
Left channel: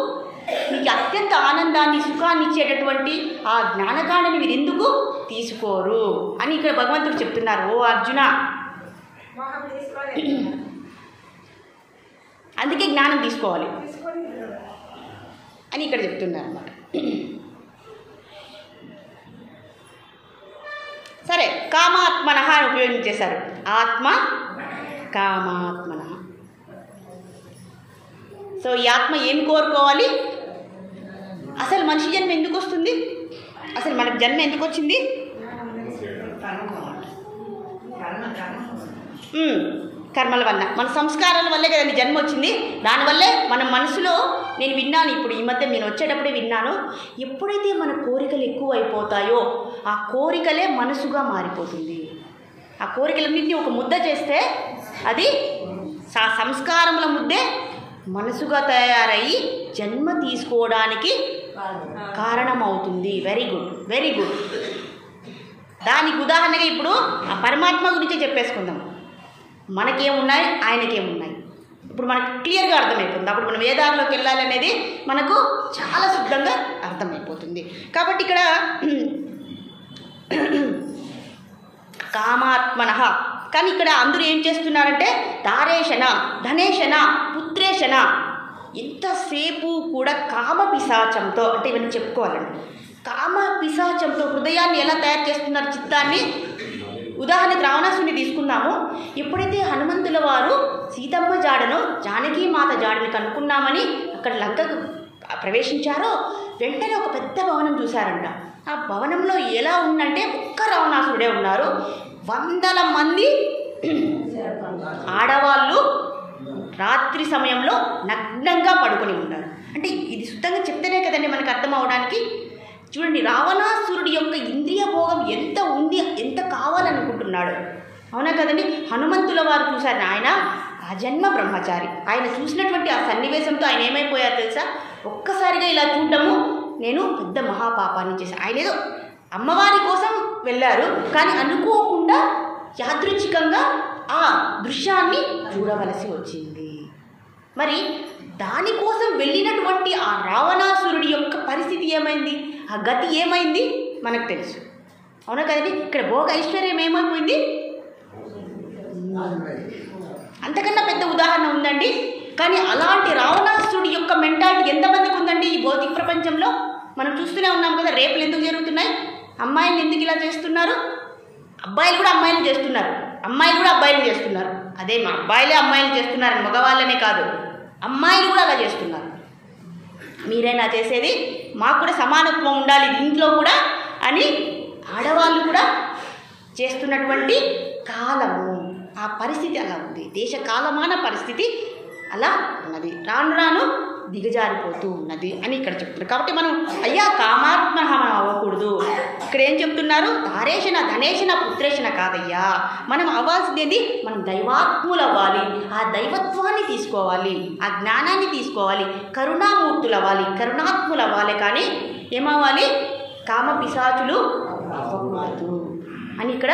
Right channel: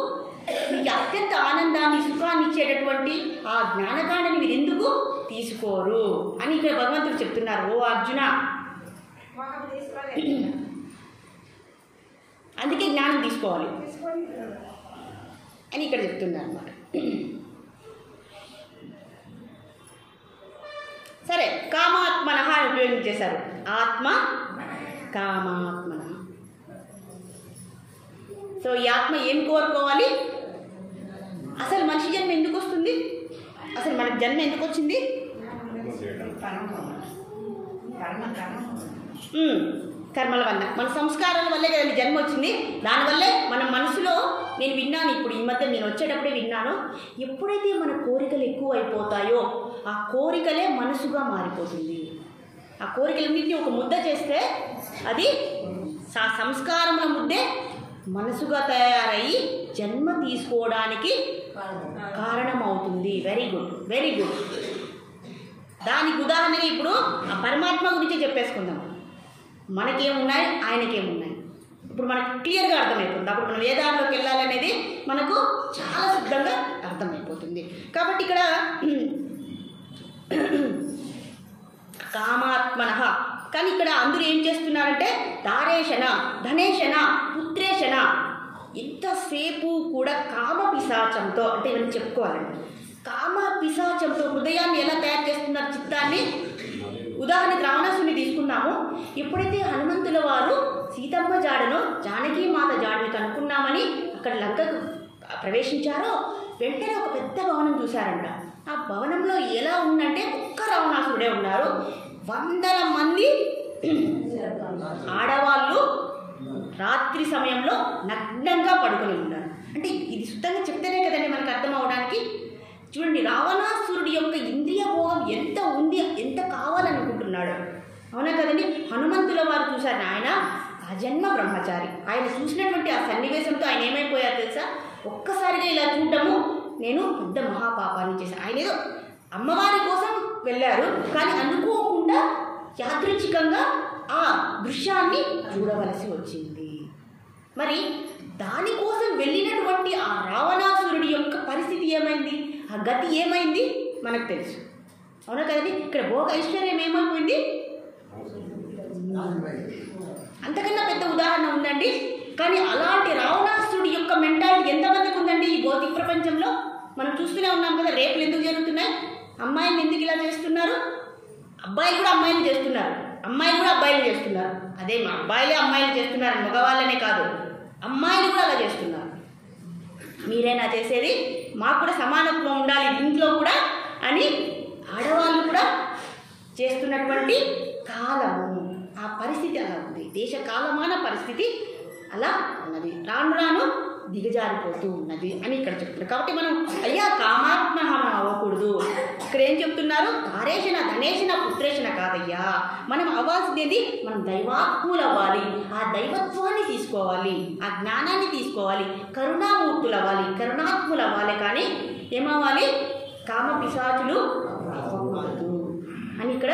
మీకు అత్యంత ఆనందాన్ని సుఖాన్ని ఇచ్చేటటువంటి ఆ జ్ఞానకాండని మీరు ఎందుకు తీసుకోరు అని ఇక్కడ భగవంతుడు చెప్తున్నారు. ఓ అర్జున, అందుకే జ్ఞానం తీసుకోవాలి అని ఇక్కడ చెప్తున్నారు అన్నమాట. సరే, కామాత్మన అని ఉపయోగించేశారు. ఆత్మ కామాత్మన. సో ఈ ఆత్మ ఏం కోరుకోవాలి? అసలు మనిషి జన్మ ఎందుకు వస్తుంది, అసలు మనకు జన్మ ఎందుకు వచ్చింది? కర్మల వల్ల, మన సంస్కారాల వల్లే కదండి జన్మ వచ్చింది. దానివల్లే మన మనసులో, నేను విన్నాను ఇప్పుడు ఈ మధ్య, నేను వచ్చేటప్పుడే విన్నాను, ఎప్పుడైతే మన కోరికలు ఎక్కువ అయిపోతాయో ఆ కోరికలే మనసుగా మారిపోతుంది. ఆ కోరికలన్నింటినీ ఒక ముద్ద చేస్తే అది సంస్కారముల ముద్దే మనసుగా తయారయ్యి జన్మ తీసుకోవడానికి కారణమవుతుంది. Very good, very good. దానికి ఉదాహరణగా ఇప్పుడు ఆ పరమాత్మ గురించే చెప్పేసుకుందాం. మనకేమున్నాయి, ఆయనకేమున్నాయి, ఇప్పుడు మనకు క్లియర్గా అర్థమైపోతుంది. అప్పుడు మనం వేదాల్లోకి వెళ్ళాలనేది మనకు చాలా శుద్ధంగా అర్థమైపోతుంది. కాబట్టి ఇక్కడ కామాత్మన. కానీ ఇక్కడ అందరూ ఏం చేస్తున్నారంటే దారేషణ, ధనేషణ, పుత్రేషణ, ఎంతసేపు కూడా కామ పిశాచంతో, అంటే ఇవన్నీ చెప్పుకోవాలండి, కామ పిశాచంతో హృదయాన్ని ఎలా తయారు చేస్తున్నారు, చిత్తాన్ని. ఉదాహరణకు రావణాసుని తీసుకున్నాము. ఎప్పుడైతే హనుమంతుల వారు సీతమ్మ జాడను, జానకీ మాత జాడని కనుక్కున్నామని అక్కడ లంకకు ప్రవేశించారో వెంటనే ఒక పెద్ద భవనం చూశారంట. ఆ భవనంలో ఎలా ఉందంటే ఒక్క రావణాసురుడే ఉన్నారు, 100 మంది ఆడవాళ్ళు రాత్రి సమయంలో నగ్నంగా పడుకొని ఉన్నారు. అంటే ఇది శుద్ధంగా చెప్తేనే కదండి మనకు అర్థం అవడానికి. చూడండి, రావణాసురుడి యొక్క ఇంద్రియ భోగం ఎంత ఉంది, ఎంత కావాలనుకుంటున్నాడు. అవునా కదండి. హనుమంతుల వారు చూశారు, ఆయన ఆ జన్మ బ్రహ్మచారి. ఆయన చూసినటువంటి ఆ సన్నివేశంతో ఆయన ఏమైపోయారు తెలుసా, ఒక్కసారిగా ఇలా చూడటము నేను పెద్ద మహాపాపాన్ని చేశాను. ఆయన ఏదో అమ్మవారి కోసం వెళ్ళారు, కానీ అనుకోకుండా యాదృచ్ఛికంగా ఆ దృశ్యాన్ని చూడవలసి వచ్చింది. మరి దానికోసం వెళ్ళినటువంటి ఆ రావణాసురుడి యొక్క పరిస్థితి ఏమైంది, ఆ గతి ఏమైంది మనకు తెలుసు. అవునా కదండి. ఇక్కడ భోగ ఐశ్వర్యం ఏమైపోయింది, అంతకన్నా పెద్ద ఉదాహరణ ఉందండి. కానీ అలాంటి రావణాసురుడి యొక్క మెంటాలిటీ ఎంతమందికి ఉందండి ఈ భౌతిక ప్రపంచంలో? మనం చూస్తూనే ఉన్నాం కదా. రేపులు ఎందుకు జరుగుతున్నాయి, అమ్మాయిలు ఎందుకు ఇలా చేస్తున్నారు, అబ్బాయిలు కూడా అమ్మాయిలు చేస్తున్నారు, అమ్మాయిలు కూడా అబ్బాయిలు చేస్తున్నారు. అదే మా అబ్బాయిలే అమ్మాయిలు చేస్తున్నారు, మగవాళ్ళనే కాదు, అమ్మాయిలు కూడా అలా చేస్తున్నారు. మీరైనా చేసేది, మాకు కూడా సమానత్వం ఉండాలి దీంట్లో కూడా అని ఆడవాళ్ళు కూడా చేస్తున్నటువంటి కాలము, ఆ పరిస్థితి అలా ఉంది. దేశ కాలమాన పరిస్థితి అలా ఉన్నది, రాను రాను దిగజారిపోతూ ఉన్నది అని ఇక్కడ చెప్తున్నారు. కాబట్టి మనం అయ్యా కామాత్మ అవ్వకూడదు. ఇక్కడ ఏం చెప్తున్నారు, తారేషణ, ధనేషణ, పుత్రేషణ కాదయ్యా. మనం అవ్వాల్సింది మనం దైవాత్ములు అవ్వాలి, ఆ దైవత్వాన్ని తీసుకోవాలి, ఆ జ్ఞానాన్ని తీసుకోవాలి, కరుణామూర్తులు అవ్వాలి, కరుణాత్ములు అవ్వాలి. కానీ ఏమవ్వాలి, కామ పిశాచులు అవ్వకూడదు అని ఇక్కడ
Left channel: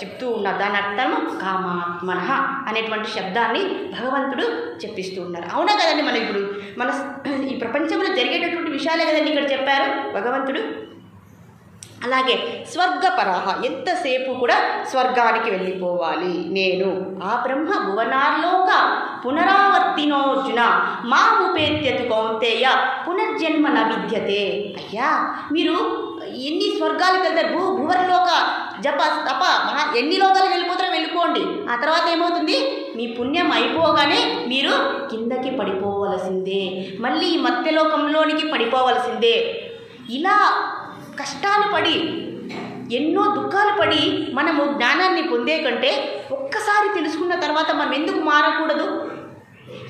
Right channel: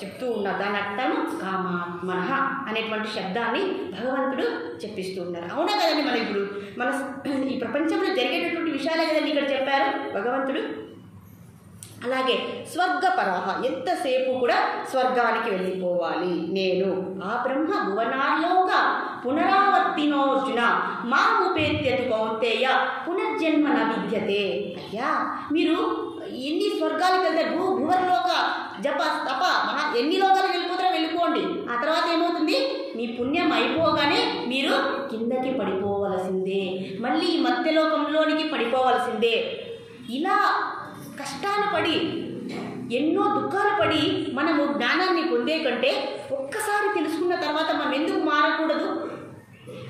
చెప్తూ ఉన్నారు. దాని అర్థం కామాత్మనః అనేటువంటి శబ్దాన్ని భగవంతుడు చెప్పిస్తూ ఉన్నారు. అవునా కదండి? మనం ఇప్పుడు మన ఈ ప్రపంచంలో జరిగేటటువంటి విషయాలే కదండి ఇక్కడ చెప్పారు భగవంతుడు. అలాగే స్వర్గపరః, ఎంతసేపు కూడా స్వర్గానికి వెళ్ళిపోవాలి నేను. ఆ బ్రహ్మ భువనార్లోక పునరావర్తినోర్జున మాముపేత్యతు కౌంతేయ పునర్జన్మ న విద్యతే. అయ్యా, మీరు ఎన్ని స్వర్గాలకు వెళ్తారు? భువర్లోక జప తప ఎన్ని లోకాలకు వెళ్ళిపోతారో వెళ్ళిపోండి. ఆ తర్వాత ఏమవుతుంది? మీ పుణ్యం అయిపోగానే మీరు కిందకి పడిపోవలసిందే, మళ్ళీ ఈ మత్స్యలోకంలోనికి పడిపోవలసిందే. ఇలా కష్టాలు పడి ఎన్నో దుఃఖాలు పడి మనము జ్ఞానాన్ని పొందే కంటే ఒక్కసారి తెలుసుకున్న తర్వాత మనం ఎందుకు మారకూడదు?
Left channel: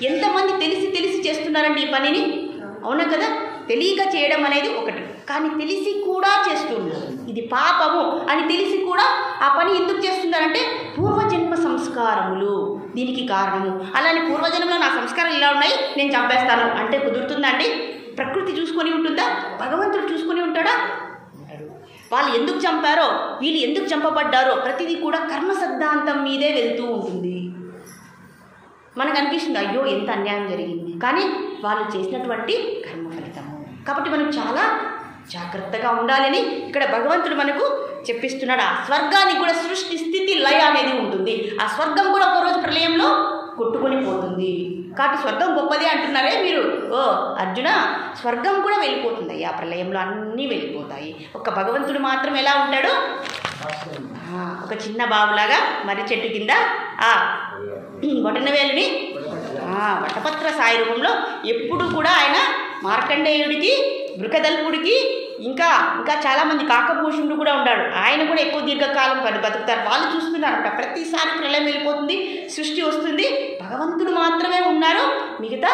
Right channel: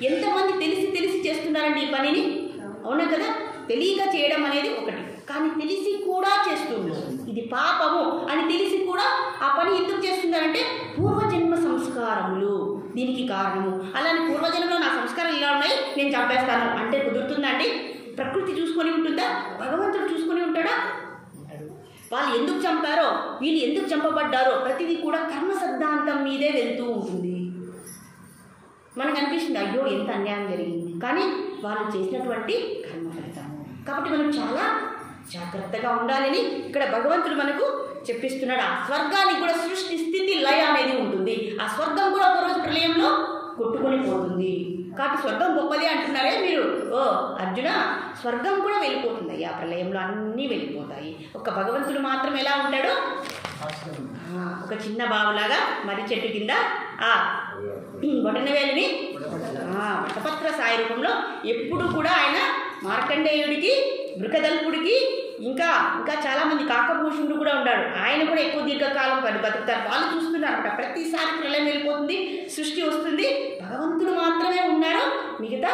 ఎంతమంది తెలిసి చేస్తున్నారండి ఈ పనిని? అవునా కదా? తెలియక చేయడం అనేది ఒకటి, కానీ తెలిసి కూడా చేస్తున్నారు. ఇది పాపము అని తెలిసి కూడా ఆ పని ఎందుకు చేస్తున్నారంటే పూర్వజన్మ సంస్కారములు దీనికి కారణము. అలానే పూర్వజన్మలో నా సంస్కారాలు ఇలా ఉన్నాయి, నేను చంపేస్తాను అంటే కుదురుతుందా అండి? ప్రకృతి చూసుకొని ఉంటుందా? భగవంతుడు చూసుకొని ఉంటాడా? వాళ్ళు ఎందుకు చంపారో, వీళ్ళు ఎందుకు చంపబడ్డారో ప్రతిదీ కూడా కర్మ సిద్ధాంతం మీదే వెళ్తూ ఉంటుంది. మనకు అనిపిస్తుంది అయ్యో ఎంత అన్యాయం జరిగింది, కానీ వాళ్ళు చేసినటువంటి కర్మ ఫలితము. కాబట్టి మనం చాలా జాగ్రత్తగా ఉండాలని ఇక్కడ భగవంతుడు మనకు చెప్పిస్తున్నాడు. ఆ స్వర్గానికి కూడా సృష్టి స్థితి లయ అనేది ఉంటుంది. ఆ స్వర్గం కూడా ఒకరోజు ప్రళయంలో కొట్టుకొని పోతుంది. కాబట్టి స్వర్గం గొప్పదే అంటున్నారే మీరు. ఓ అర్జున, స్వర్గం కూడా వెళ్ళిపోతుంది అయ్యా, ప్రళయంలో అన్నీ వెళ్ళిపోతాయి. ఒక భగవంతుడు మాత్రం ఎలా ఉంటాడు? ఒక చిన్న బావులాగా మర్రి చెట్టు కింద బొటనవేలుని వటపత్ర సాయి రూపంలో ఎప్పుడు కూడా ఆయన మార్కండేయుడికి, బృకదల్పుడికి, ఇంకా చాలామంది కాకభూషణుడు కూడా ఉన్నాడు. ఆయన కూడా ఎక్కువ దీర్ఘకాలం బతుకుతారు. వాళ్ళు చూస్తున్నారట ప్రతిసారి ప్రళయం వెళ్ళిపోతుంది, సృష్టి వస్తుంది, భగవంతుడు మాత్రమే ఉన్నారు, మిగతా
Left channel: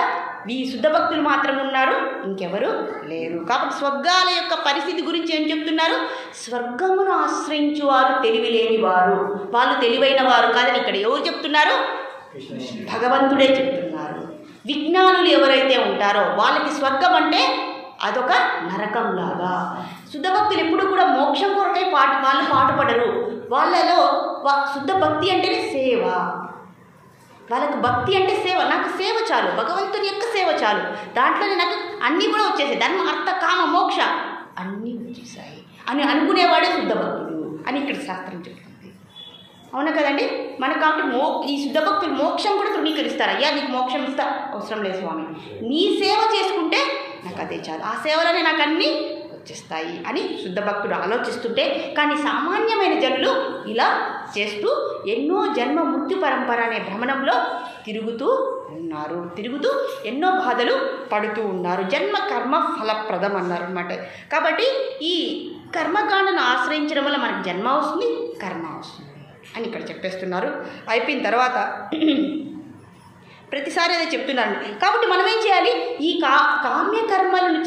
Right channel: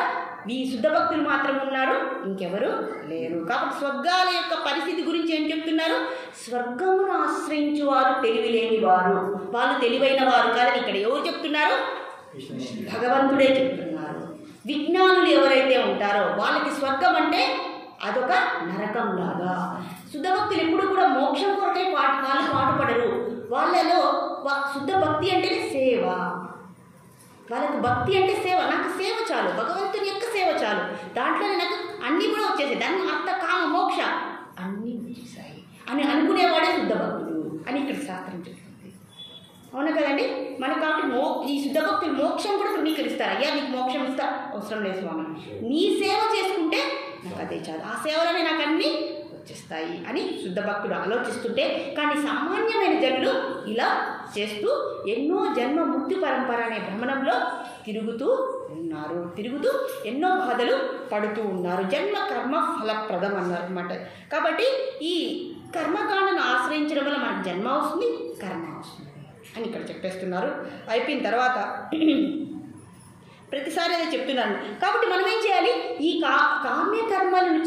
ఈ శుద్ధ భక్తులు మాత్రం ఉన్నారు, ఇంకెవరు లేరు. కాబట్టి స్వర్గాల యొక్క పరిస్థితి గురించి ఏం చెప్తున్నారు? స్వర్గమును ఆశ్రయించు వారు తెలివి లేని వారు, వాళ్ళు తెలివైన వారు కాదని ఇక్కడ ఎవరు చెప్తున్నారు? భగవంతుడే చెప్తున్నారు. విజ్ఞానులు ఎవరైతే ఉంటారో వాళ్ళకి స్వర్గం అంటే అదొక నరకంలాగా. శుద్ధ భక్తులు ఎప్పుడు కూడా మోక్షం కొరకై వాళ్ళు పాటుపడరు. వాళ్ళలో శుద్ధ భక్తి అంటేనే సేవ. వాళ్ళకు భక్తి అంటే సేవ. నాకు సేవ చాలు, భగవంతుని యొక్క సేవ చాలు, దాంట్లోనే నాకు అన్నీ కూడా వచ్చేసాయి, ధర్మ అర్థ కామ మోక్ష అన్నీ వచ్చేసాయి అని అనుకునేవాడే శుద్ధ భక్తుడు అని ఇక్కడ శాస్త్రం చెప్తుంది. అవునా కదండి? మనకు కాబట్టి ఈ శుద్ధ భక్తులు మోక్షం కూడా తృణీకరిస్తారు. అయ్యా నీకు మోక్షం ఇస్తా, అవసరం లేదు స్వామి, నీ సేవ చేసుకుంటే నాకు అదే చాలు, ఆ సేవలోనే నాకు అన్నీ వచ్చేస్తాయి అని శుద్ధ భక్తుడు ఆలోచిస్తుంటే, కానీ సామాన్యమైన జనులు ఇలా చేస్తూ ఎన్నో జన్మ మృత్యు పరంపర అనే భ్రమణంలో తిరుగుతూ ఎన్నో బాధలు పడుతూ ఉన్నారు. జన్మ కర్మ ఫలప్రదం అన్నారు అనమాట. కాబట్టి ఈ కర్మకాండను ఆశ్రయించడం వల్ల మనకు జన్మ వస్తుంది, కర్మ వస్తుంది అని ఇక్కడ చెప్పేస్తున్నారు. అయిపోయిన తర్వాత ప్రతిసారి అదే చెప్తున్నాను. కాబట్టి మనం ఏం చేయాలి? ఈ కామ్య కర్మలను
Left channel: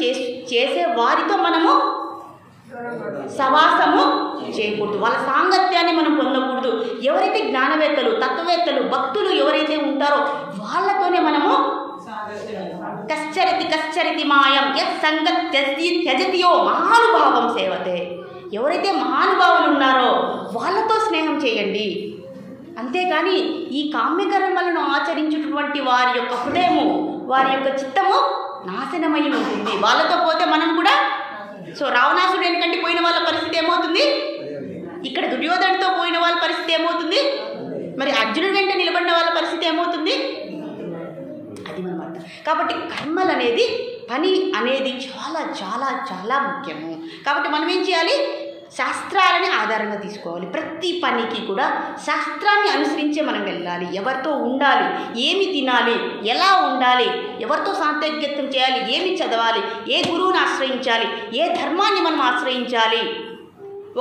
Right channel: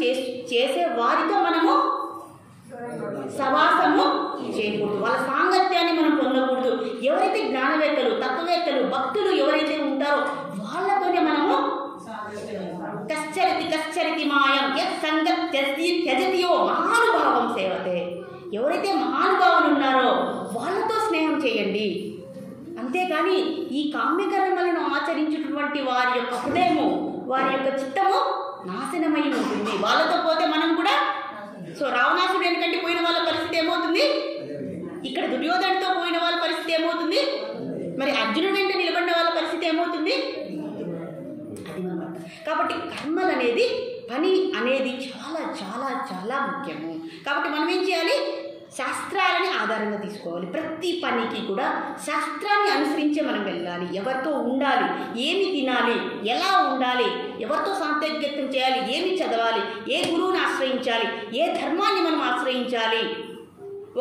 చేసే వారితో మనము సవాసము చేయకూడదు, వాళ్ళ సాంగత్యాన్ని మనం పొందకూడదు. ఎవరైతే జ్ఞానవేత్తలు, తత్వవేత్తలు, భక్తులు ఎవరైతే ఉంటారో వాళ్ళతోనే మనము కశ్చరితి మాయం యత్ సంగత్ త్యజతియో మహానుభావం సేవతే. ఎవరైతే మహానుభావులు ఉన్నారో వాళ్ళతో స్నేహం చేయండి. అంతేకాని ఈ కామ్యకర్మలను ఆచరించేటువంటి వారి యొక్క హృదయము, వారి యొక్క చిత్తము నాశనమై ఉంటుంది. వాళ్ళతో పోతే మనం కూడా రావణాసుడు ఎందుకంటే పోయిన వాళ్ళ పరిస్థితి ఏమవుతుంది? ఇక్కడ దుర్యోధనుడితో పోయిన వాళ్ళ పరిస్థితి ఏమవుతుంది? మరి అర్జునుడి వెంట నిలబడిన వాళ్ళ పరిస్థితి ఏమవుతుంది? అది మనం అర్థం. కాబట్టి కర్మలు అనేది, పని అనేది చాలా చాలా చాలా ముఖ్యము. కాబట్టి మనం ఏం చేయాలి? శాస్త్రాలని ఆధారంగా తీసుకోవాలి. ప్రతి పనికి కూడా శాస్త్రాన్ని అనుసరించే మనం వెళ్ళాలి. ఎవరితో ఉండాలి, ఏమి తినాలి, ఎలా ఉండాలి, ఎవరితో సాంతర్యత్వం చేయాలి, ఏమి చదవాలి, ఏ గురువుని ఆశ్రయించాలి, ఏ ధర్మాన్ని మనం ఆశ్రయించాలి.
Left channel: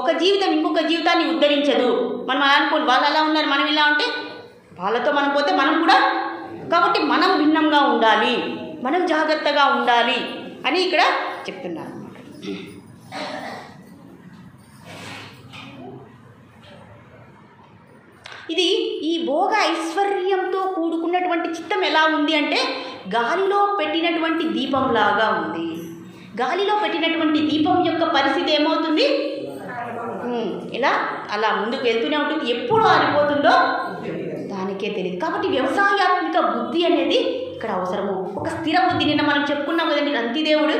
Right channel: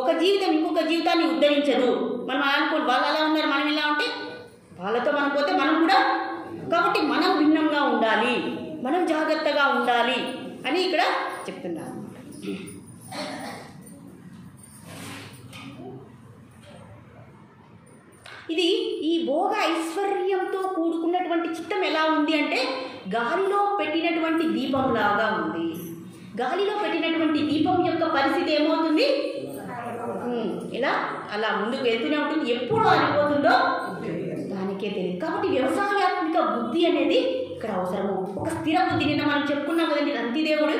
ఒక జీవితం ఇంకొక జీవితాన్ని ఉద్ధరించదు. మనం అనుకోండి వాళ్ళు అలా ఉన్నారు, మనం ఇలా ఉంటే వాళ్ళతో మనం పోతే మనం కూడా. కాబట్టి మనం భిన్నంగా ఉండాలి, మనం జాగ్రత్తగా ఉండాలి అని ఇక్కడ చెప్తున్నారు అన్నమాట. ఇది ఈ భోగ ఐశ్వర్యంతో కూడుకున్నటువంటి చిత్తం ఎలా ఉంది అంటే గాలిలో పెట్టినటువంటి దీపంలాగా ఉంది. గాలిలో పెట్టినటువంటి దీపం యొక్క పరిస్థితి ఏమవుతుంది? ఇలా అలా ముందుకు వెళ్తూనే ఉంటుంది. ఎప్పుడు ఆరిపోతుందో దానికే తెలియదు. కాబట్టి వ్యవసాయాత్మిక బుద్ధి అనేది ఇక్కడ అవసరము. ఒక స్థిర బుద్ధి. నిన్న మనం చెప్పుకున్నాం కదండి, రంతిదేవుడి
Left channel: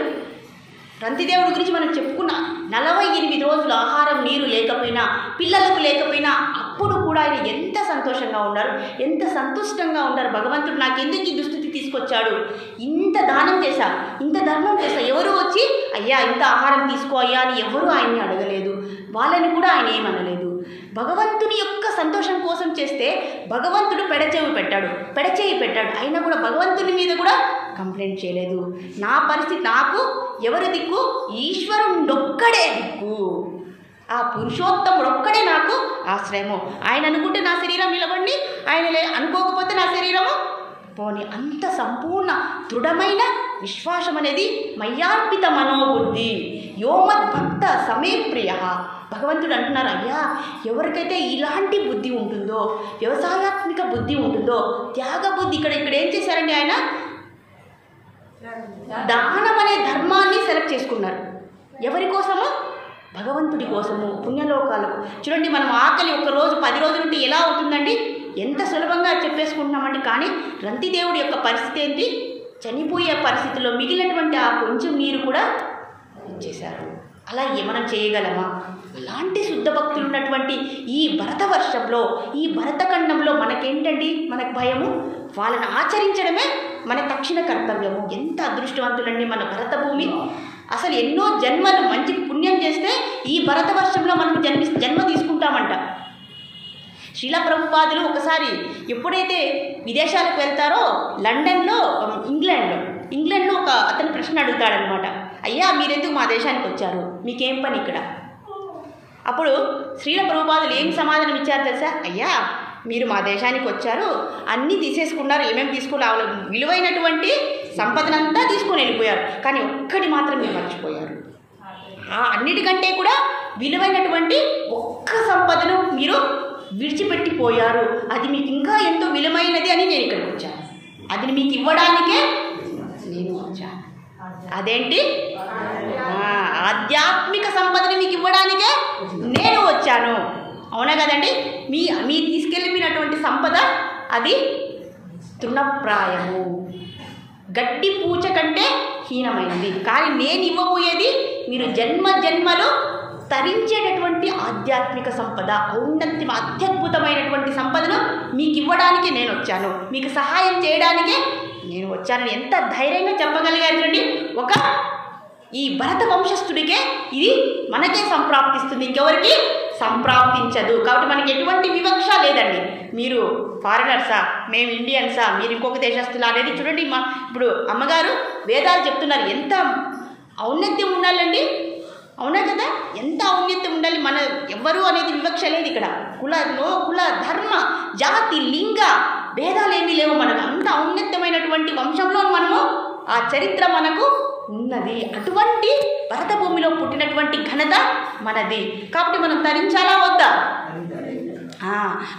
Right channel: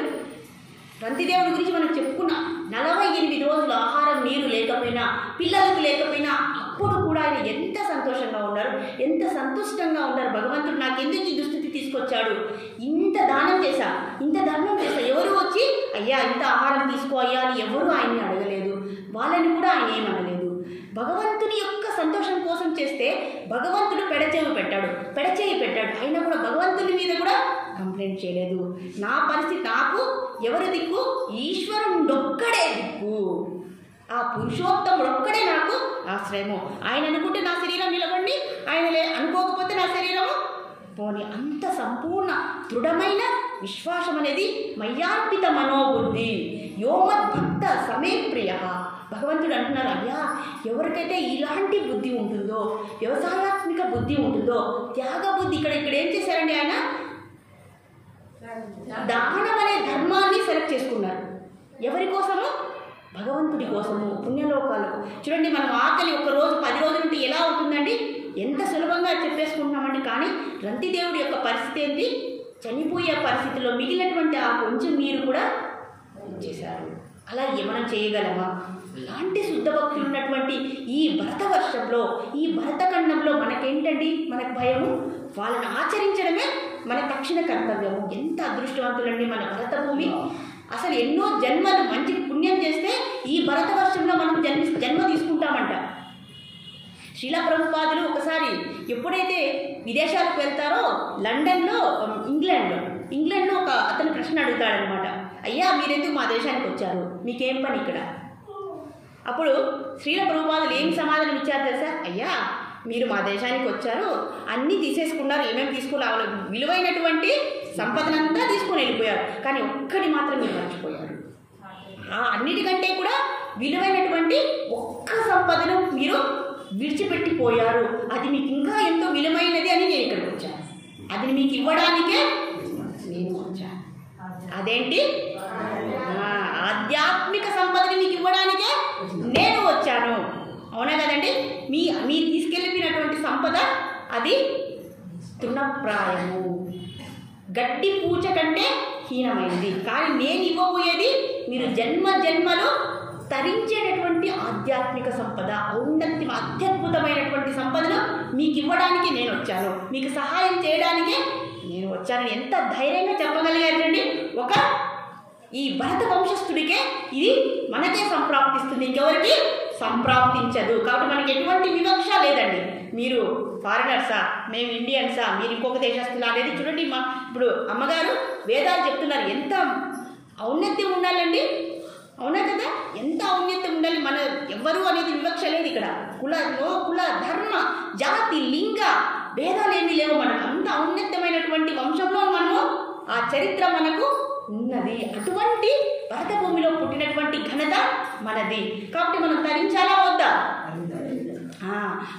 గురించి మనం చెప్పుకున్నాం. 48 రోజులు ఆహారం నీరు లేకపోయినా, పిల్లలకు లేకపోయినా, అప్పుడు కూడా ఆయన ఎంత సంతోషంగా ఉన్నారు, ఎంత సంతుష్టంగా ఉన్నారు. భగవంతుడు నాకు ఎందుకు ఈ దుస్థితి తీసుకొచ్చాడు, ఇంత దానం చేశా, ఇంత ధర్మం చేశా, ఎవరు వచ్చి అయ్యా ఇంత ఆహారం తీసుకో అయ్యా అని ఎవరు ఆయన్ని అడగలేదు, వాళ్ళని కూడా ఆయన ఏమనలేదు. భగవంతుని యొక్క సంతోషం కోసం చేస్తే భగవంతుడు పెడచేయి పెట్టాడు. అయినా కూడా భగవంతుని మీద కూడా కంప్లైంట్ చేయలేదు. నా పరిస్థితి, నాకు ఎవరు దిక్కు, ఈశ్వరుడొక్కడే దిక్కు, ఆ పురుషోత్తముడొక్కడే నాకు ఆశ్రయము. ఆయన అనుకుంటే నా శరీరం నిలబడి, ఆయన అనుకోకపోతే నా శరీరము పోని. అంత సంపూర్ణ దృఢమైన విశ్వాసం అనేది మయ్యార్పిత మనోబుద్ధి. యోమద్భక్త సమే ప్రియ. భగవంతుడు అంటున్నారు, అయ్యా ఎవరికైతే ఇలాంటి బుద్ధి ఉంటుందో, వ్యవసాయాత్మిక బుద్ధి ఉంటుందో, త్యాగ బుద్ధి. ఇక్కడ ఏం చేశారండి, ఆయన దానం అనే ధర్మాన్ని సెలెక్ట్ చేసుకున్నారు. ఎవరి కోసము? భగవంతుడి కోసము, పుణ్యలోకాలకు. చూడండి, మనం ఆకలి ఒక రోజు 10 రోజులు ఉంటే ఎలా అవుతుందండి, ఎంత సులభంగా చెప్పేసుకుంటున్నామండి. కానీ రంతిదేవుడి యొక్క పరిస్థితి ఏంటి, చనిపోయే పరిస్థితిలో మిగిలినటువంటి ఆ కొంచెం నీరు కూడా ఇచ్చేశారు. అలా మనం చేయగలమా? అలాంటి శుద్ధ భక్తులు ఉన్నటువంటి ఈ భరతవర్షంలో, ఈ భరతఖండంలో మనకేంటండి, మనకు భయము, వాళ్ళని ఆచరించడమే మన తక్షణ కర్తవ్యము. ఎంత అదృష్టవంతులండి మన భరత భూమి. అసలు ఎన్నో జన్మలు మంచి పుణ్యం చేస్తే ఈ భరతవర్షంలో మనం జన్మ తీసుకుంటామంట. శ్రీల ప్రభుపాదులు ఒకసారి ఎప్పుడైతే విదేశాలకు వెళ్తారో, లండన్లో, ఇంగ్లాండ్లో ఒక అతను ప్రశ్న అడుగుతాడనమాట, అయ్యా మీరెందుకు మా దేశానికి వచ్చారు, మీకేం పని ఇక్కడ? అప్పుడు శ్రీల ప్రభుపాదులు ఏం సమాధానం ఇచ్చారు తెలుసా? అయ్యా మీరు మా దేశానికి వచ్చారు, అన్నీ తీసేసుకున్నారు, ఏమేమి తీసుకుని విలువైనటువంటి సంపదనంతా తీసుకొని వెళ్ళిపోయారు, కానీ ఒక్కటి మాత్రం మీరు మర్చిపోయారు. ఆ అన్నిటికంటే కూడా విలువైనటువంటి ఒక్క సంపదను మీరు విడిచిపెట్టిపోయారు. అది మీకు ఇంకా ఎంతో విలువైనది అని నేను ఇక్కడికి వచ్చాను, అది మీకు ఇవ్వడానికే నేను వచ్చాను. అదేంటి? ఆధ్యాత్మిక సంపదని మీకు ఇవ్వడానికే నేను వచ్చాను. అవునా కదండి? మీరు తీసుకెళ్ళిపోయినటువంటి సంపద అది తృణప్రాయము, గడ్డి పూచ కంటే హీనమైనది. కానీ నేను ఇవ్వబోయేది మీరు జన్మలో తరించేటటువంటి ఆధ్యాత్మిక సంపద, అత్యద్భుతమైనటువంటి సంపదను మీకు ఇవ్వడానికి నేను వచ్చాను, మీకు సహాయం చేయడానికే నేను వచ్చానని ఎంత ధైర్యంగా చెప్పగలిగారండి. ఈ భరత వంశస్థుడికే ఇది మనకే సంప్రాప్తిస్తుంది, ఇంకెవరికి సంప్రాప్తించదు. కాబట్టి మనకి ఎటువంటి వివక్ష లేదండి. మీరు ఫారినర్సా, మేము ఇండియన్సా, మీరు ఇంకొక దేశస్తులా అనేది చూడండి. ఇప్పుడు అమ్మగారు వేదాలు చెప్తున్నారు, ఎంత ఔన్నత్యం ఉండాలండి. అవునా కదా? ఎంత ఔన్నత్యం ఉండాలి. మన ఎవ్వరు అనేది వివక్ష లేదు ఇక్కడ. కుల ధర్మ జాతి లింగ భేదాలు ఏమీ లేవు. మనకు అంత ఔన్నత్యమైనటువంటి వంశంలో మనము ఆ చరిత్ర మనకు ఉన్నది. అటువంటి భరత భూమిలో పుట్టినటువంటి ఘనత మనది. కాబట్టి మనం తరించాలా వద్దా?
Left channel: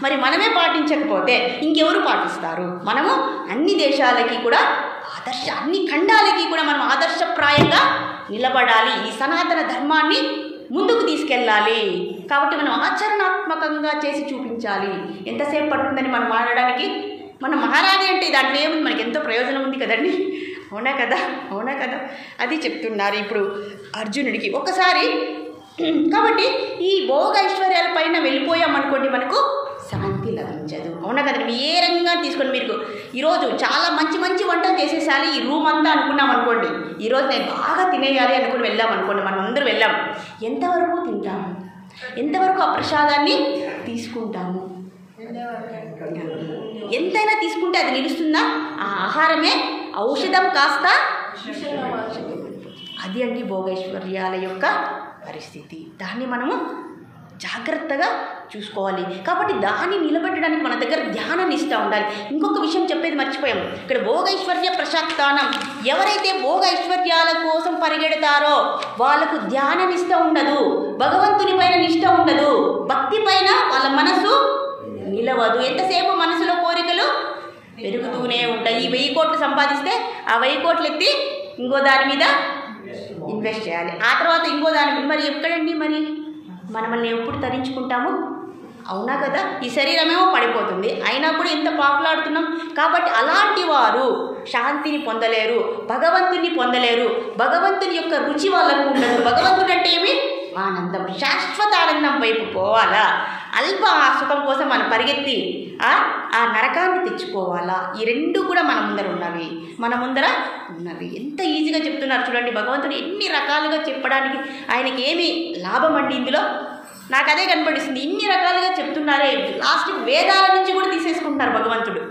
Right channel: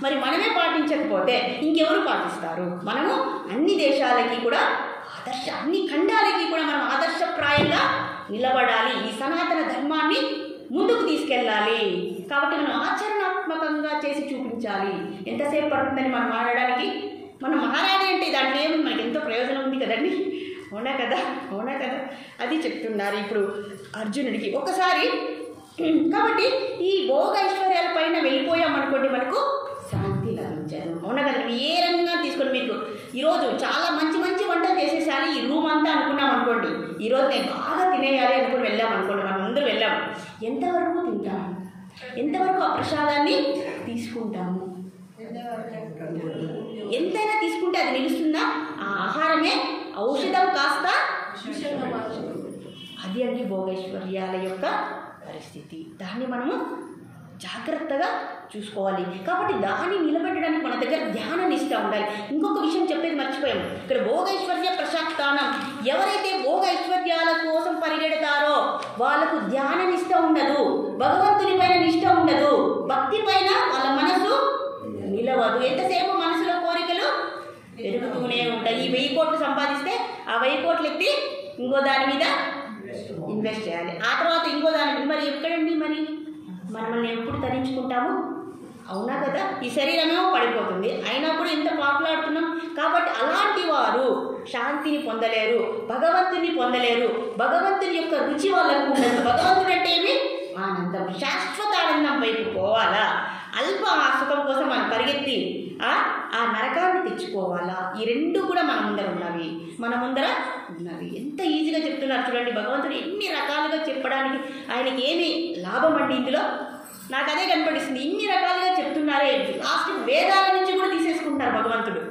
మరి మనమే పాటించకపోతే ఇంకెవరు పాటిస్తారు? మనము అన్ని దేశాలకి కూడా అన్ని ఖండాలకి కూడా మనం ఆదర్శప్రాయంగా నిలబడాలి. ఈ సనాతన ధర్మాన్ని ముందుకు తీసుకెళ్ళాలి. కాబట్టి మనం ఆచరణాత్మకంగా చేసి చూపించాలి. ఎంతసేపు పడుతుందని మనం మాట్లాడడానికి? మన మహారాణి అంటే దాంట్లో ఏముంది, మనకి ఎంతో ప్రయోజనం ఉంది కదండి. అవునా కదా? అది చెప్తున్నారు ఇప్పుడు అర్జునుడికి ఒకసారి. కాబట్టి ఈ భోగ ఐశ్వర్యాల పైన వెళ్ళిపోయామనుకోండి, మనకు శాంతి లభించదు. అవునా కదండి? ఏ రంగంగా తీసుకొని మీరు ఈరోజు చాలా మంచి వంటలు చేసేసాలి ఈ రూమ్ అంతా అనుకున్నాం అనుకోండి, ఈరోజు నేను బాగా తినేయాలి అనుకుని వెళ్ళామనుకోండి, మనం అందరూ వెళ్ళాం, ఎంతవరకు తింటాము? ఎంతవరకు ఆ ప్రసాదాన్ని తీసుకుంటాము? ఎంతైనా తీసుకుంటే అది నిలుస్తుందా? ఆ ఆహారమే ఔషధం కాస్త అది అండి భోగైశ్వర్యాల యొక్క పరిస్థితి. దాన్ని మనము జాగ్రత్తగా చూసుకోవాలి. కాబట్టి దాన్ని నిలబెట్టడానికి మన దగ్గర ధ్యాన నిష్ట ఉండాలి. ఇంకొక విషయం చెప్పేది మర్చిపోయాం. ఇక్కడ భోగైశ్వర్య ప్రశాక్తానం, ఎవరైతే భోగైశ్వర్యాల కోసం పరిగెడతారో వాళ్ళకు ధ్యాన నిష్ట ఉండదు, భగవంతుని పైన నిష్ట ఉండదు, భక్తి పైన వాళ్ళ మనసు నిలవదు. ఎంతసేపు మనసులో కోరికలు పెరుగుతూనే ఉంటాయి. ఈ 1000 కోట్లు సంపాదిస్తే ఆ 1000 కోట్లు ఎత్తి ఇంకో దాని మీద ఇన్వెస్ట్ చేయాలి, ఆ తర్వాత ఇంకో దాని మీద. మరి ఎక్కడండి? మరి మనల్ని ఎప్పుడు తరించుకుంటాము? అవునా కదా? ఈ శరీరమేమో పడిపోతుంది, అయినా కూడా ఎంత పాకులాడుతున్నాం. కాబట్టి అలాంటి వారు శాంతిని పొందలేరు, భగవంతుని పొందలేరు, భగవంతుని యొక్క రుచి వాళ్ళకు ఉండదు. భగవంతుడు అంటే ఏమి? ఆనందం, శాశ్వత ఆనందం వైపు పోవాలా? అల్ప సుఖం కోసం మనం పరిగెత్తి ఆ నరకాన్ని తెచ్చుకోవాలా? ఈ రెండు కూడా మన ముందర ఉన్నవి. ఎంత ఈజీగా చెప్తున్నారు చూడండి. భగవంతుడు ఎన్ని రకాలుగా చెప్పడానికి ఆయనకి ఏమి లాభం అండి ఇందులో? నాకు అదే కనపడిస్తుంది. ఇన్ని రకాలుగా చెప్తున్నారే, లాస్ట్ వేదాల నుంచి కూడా తీసేసుకుంటున్నారు భగవంతుడు.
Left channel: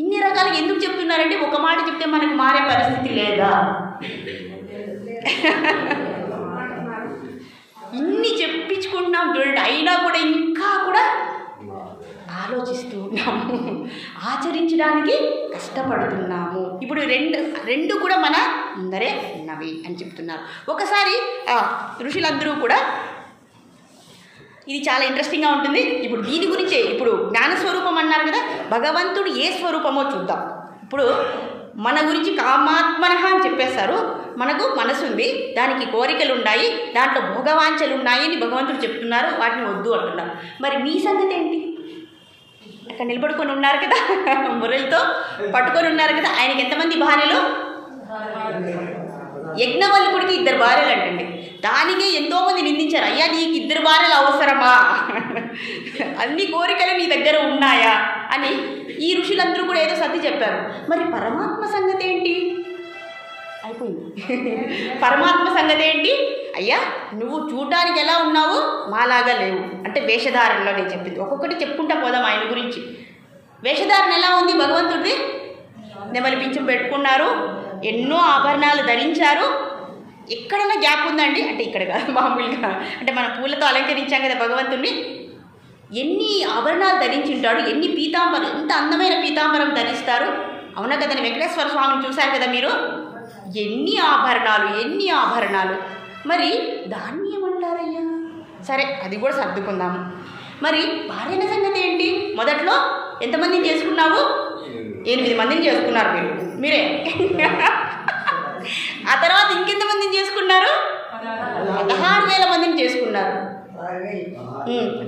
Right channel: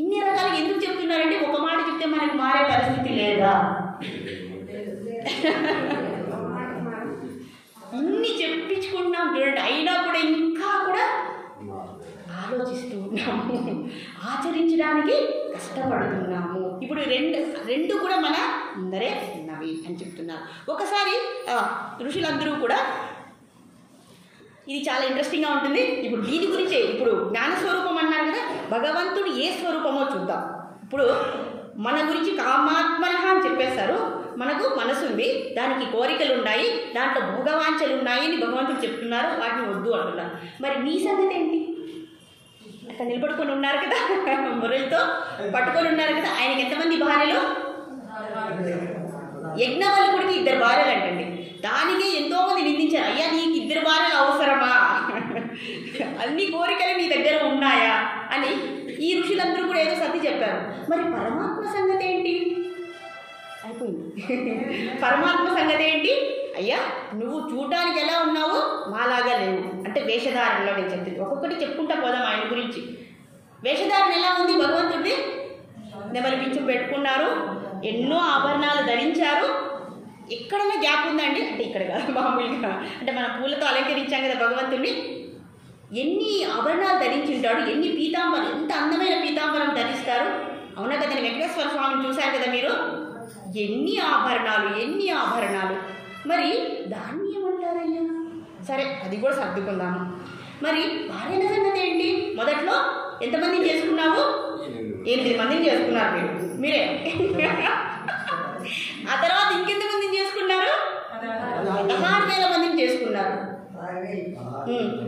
ఇన్ని రకాలుగా ఎందుకు చెప్తున్నారంటే ఒక మాట చెప్తే మనకు మారే పరిస్థితి లేదా? ఇన్ని చెప్పించుకుంటున్నాం చూడండి, అయినా కూడా ఇంకా కూడా ఆలోచిస్తూ ఉన్నాము, ఆచరించడానికి కష్టపడుతున్నాము. ఇప్పుడు రెండు కూడా మన ముందరే ఉన్నవి అని చెప్తున్నారు. ఒకసారి ఋషులందరూ కూడా, ఇది చాలా ఇంట్రెస్టింగ్గా ఉంటుంది. ఇప్పుడు దీని గురించే, ఇప్పుడు జ్ఞానస్వరూపం అన్నారు కదా, భగవంతుడు ఏ స్వరూపమో చూద్దాం. ఇప్పుడు మన గురించి కామాత్మనః అని చెప్పేస్తారు. మనకు మనసు ఉంది, దానికి కోరికలు ఉన్నాయి, దాంట్లో భోగవాంఛలు ఉన్నాయి అని భగవంతుడు చెప్తున్నారు, వాటిని వద్దు అంటున్నారు. మరి మీ సంగతి ఏంటి? అక్కడ నిలబడుకొని ఉన్నారు కదా, మురళితో పట్టుకొని ఉన్నారు కదా, ఆయనకి ఎంతమంది భార్యలు? యజ్ఞవల్కుడికి 2 భార్యలు అంటండి. దానికి ఎంతోమంది నిందించారు, అయ్యా నీకు 2 భార్యలు అవసరమా, అన్ని కోరికలు నీ దగ్గర ఉన్నాయా అని. ఈ ఋషులందరూ కూడా ఏదో సర్ది చెప్పారు. మరి పరమాత్మ సంగతి ఏంటి? అయిపోయింది. పరమాత్మ సంగతి ఏంటి? అయ్యా నువ్వు చూడడానికి ఎలా ఉన్నావు, మాలాగా లేవు అంటే వేషధారణలో నేను చెప్పింది. ఒక్కొక్కటి చెప్పుకుంటా పోదాం ఆయన గురించి. వేషధారణ ఎలా ఉంది భగవంతుడిది? నెమలి పింఛం పెట్టుకున్నారు, ఎన్నో ఆభరణాలు ధరించారు. ఎక్కడైనా గ్యాప్ ఉందండి అంటే ఇక్కడ కాదు, మామూలుగా అంటే మనం పూలతో అలంకరించాం కదా భగవంతుడిని. ఎన్ని ఆభరణాలు ధరించి ఉంటాడు, ఎన్ని పీతాంబరం, ఎంత అందమైన పీతాంబరం ధరిస్తారు. అవునా కదండి? వెంకటేశ్వర స్వామిని చూశారు కదా మీరు, ఎన్ని ఆభరణాలు. మరి దాన్ని ఏమంటారయ్యా? సరే అది కూడా సర్దుకుందాము. మరి భార్యల సంగతి ఏంటి? మొదట్లో ఎంతమందిని చేసుకున్నావు? 8 మందిని చేసుకున్నారు మీరే. ఆ తర్వాత ఇంకెంతమందిని చేసుకున్నారు? 16,000 మందిని చేసుకున్నారు.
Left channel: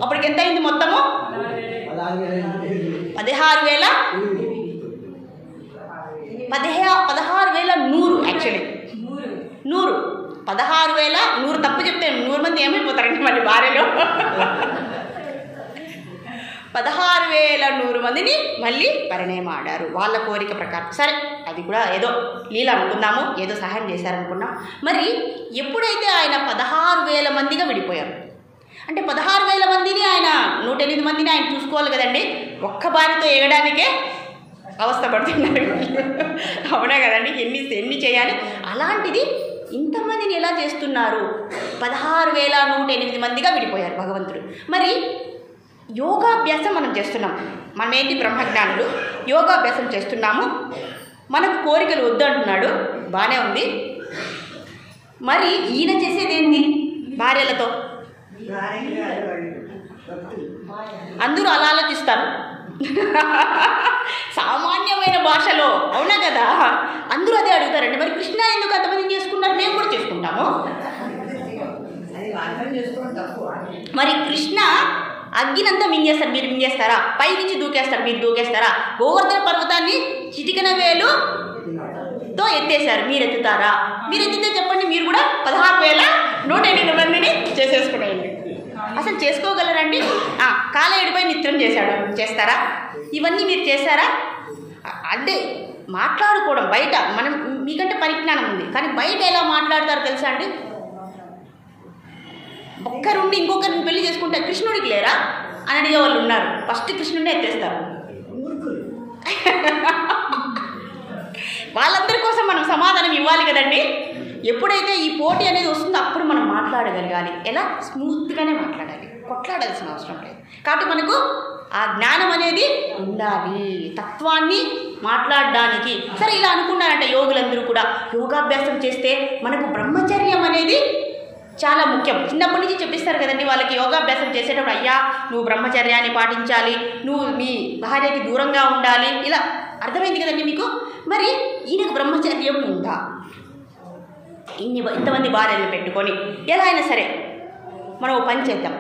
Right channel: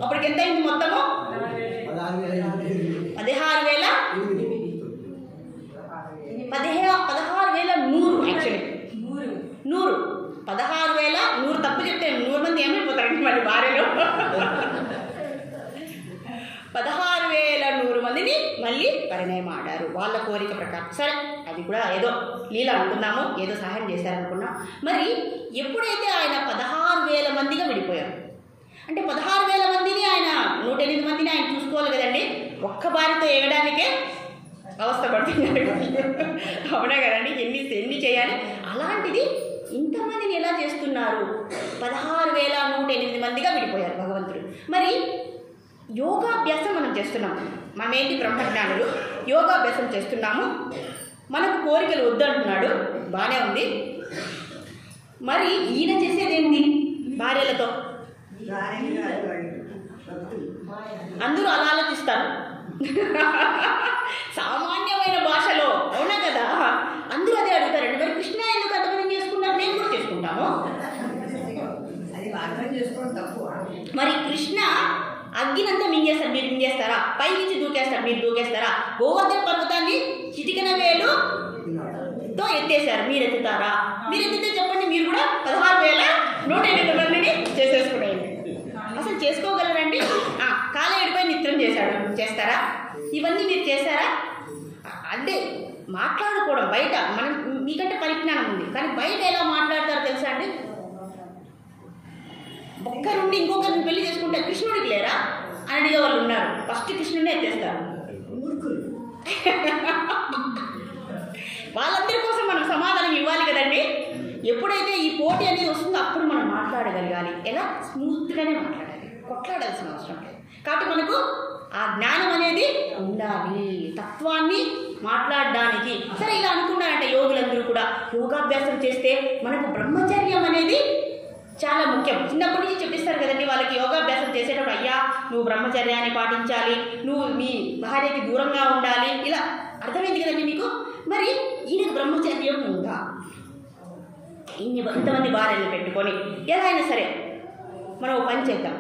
అప్పటికి ఎంత అయింది మొత్తము? 16,100 యాక్చువల్లీ 100 16,100 తప్పు చెప్తే 100 మంది ఏమైపోతారండి మళ్ళీ భార్యలో. 16,100 మందిని మళ్ళీ పరిణయమాడారు వాళ్ళ కోరిక ప్రకారం. సరే అది కూడా ఏదో లీల అనుకుందాము, ఏదో సహాయం చేశారనుకున్నాం. మరి ఎప్పుడైతే ఆయన 16,000 మందిగా విడిపోయారు అంటే 16,000 మందిని ఆయన 108 మందిని ఆయన చూసుకోవాలి కదండి. ఒక్క భార్యతో ఎగడానికే అవస్థ పడుతున్నారు. అవునా కదండి? ఎన్ని చేయాలి? అలాంటిది ఇంతమందిని ఎలా చేస్తున్నారు? 16,108 మందిగా విడిపోయారు భగవంతుడు. మరి యోగాభ్యాసం మనం చేస్తున్నాం. మనమేంటి బ్రహ్మజ్ఞానులు, యోగాభ్యాసం చేస్తున్నాము. మనకు కోరికలు వద్దు అంటున్నాడు, బాగానే ఉంది. మరి ఈయన చేసేది ఏంటి భార్యలతో? అందరూ అలా ఆలోచిస్తారు సామాన్యమైన భాషలో. అవునా కదా? అందరూ అదే అడుగుతారండి. మరి కృష్ణ ఎందుకు అంతమంది చేసుకున్నారు? మేము కూడా చేసుకుంటాము. మరి కృష్ణ అగ్గినంతా మింగేస్తారు, మీరు మింగేస్తారా? పై నుంచి దూకేస్తారు, మీరు దూకేస్తారా? గోవర్ధన పర్వతాన్ని చిటికన వేలుతో ఎత్తేశారు, మీరు ఎత్తుతారా? మీరు ఎత్తితే చెప్పండి, మీరు కూడా 16,108 మందిని చేసేసుకునేయండి. అసలు చేసుకోగలరండి? కాలేడుపై నిత్యం చేస్తారా? ఇవన్నీ మీరు చేశారా? అంటే మాట్లాడుకోవడం బయట, మనం మీకంటే పరిజ్ఞానం ఉంది, కానీ బయట ఎలా మాట్లాడతారో తెలుసా అండి? ఒక్కరుండి ఇంకొకరిని పెళ్లి చేసుకుంటే కృష్ణుడికి లేరా అని అడిగే వాళ్ళు ఉన్నారు. ఫస్ట్ కృష్ణుడినే ఎత్తేస్తారు. వాళ్ళందరి కోసం మనం సమాధానం ఇవ్వాలి కదండి. ఎప్పుడైతే ఈ పోటీ అనేది వస్తుందో అప్పుడు మనం మాట్లాడగలగాలి. ఎలా? స్మూత్గానే మాట్లాడాలి, కొట్లాడాల్సిన అవసరం లేదు. కాబట్టి మనకు ఆ జ్ఞానం అనేది ఉండాలి, తత్వాన్ని మాట్లాడడానికి. సరే ఇలా అనుకున్నారంటే యోగులందరూ కూడా యోగాభ్యాసం చేస్తే మనకు బ్రహ్మచర్యం అనేది చాలా ముఖ్యం. చిన్నప్పటి నుంచి చెప్పిస్తారు కదండి వాళ్ళకి. యోగాభ్యాసం చేసేటప్పుడు అయ్యా నువ్వు బ్రహ్మచర్యాన్ని పాటించాలి, నువ్వు మీ భార్యకి దూరంగా ఉండాలి, ఇలా అర్థమైంది కదండి మీకు. మరి ఈయనకు బ్రహ్మచర్యం ఉందా? ఇంతమంది భార్యలు పెట్టుకొని ఎలా అయినా సరే మనం ఓ పని చేద్దాం.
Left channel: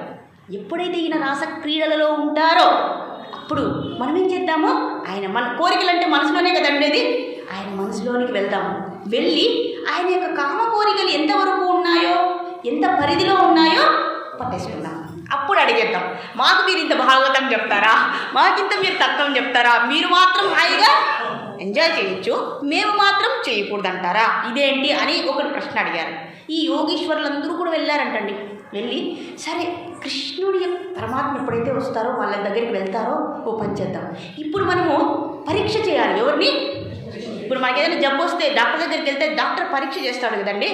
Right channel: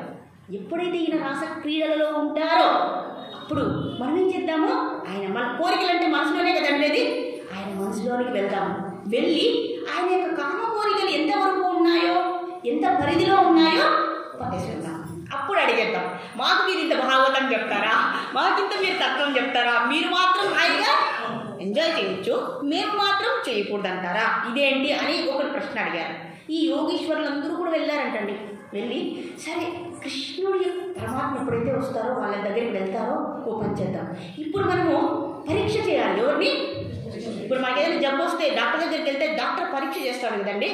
ఎప్పుడైతే ఈయన రాస క్రీడలలో ఉంటారో అప్పుడు మనం ఏం చేద్దాము, ఆయన మన కోరికలు అంటే మనసులోనే కదా ఉండేది, ఆయన మనసులోనికి వెళ్దాము. వెళ్ళి ఆయన యొక్క కామ కోరికలు ఎంతవరకు ఉన్నాయో, ఎంత పరిధిలో ఉన్నాయో పట్టేసుకుందాం. అప్పుడు అడిగేద్దాం, మాకు మీరు ఇంత భాగవతం చెప్తారా, మాకింత మీరు తత్వం చెప్తారా, మీరు మాత్రం హాయిగా ఎంజాయ్ చేయొచ్చు, మేము మాత్రం చేయకూడదంటారా, ఇదేంటి అని ఒకటి ప్రశ్న అడిగారు. ఈ యోగీశ్వరులందరూ కూడా వెళ్ళారంటండి. వెళ్ళి సరే కృష్ణుడి పరమాత్మ ఎప్పుడైతే వస్తారో వాళ్ళ దగ్గరికి వెళ్తారో ఓ పని చేద్దాం, ఇప్పుడు మనము పరీక్ష చేయాలి. ఎవరిని? ఇప్పుడు మనకి ఏదైనా జబ్బు వస్తే డాక్టర్ దగ్గరికి వెళ్తే డాక్టర్ పరీక్ష చేస్తాడు కదండి.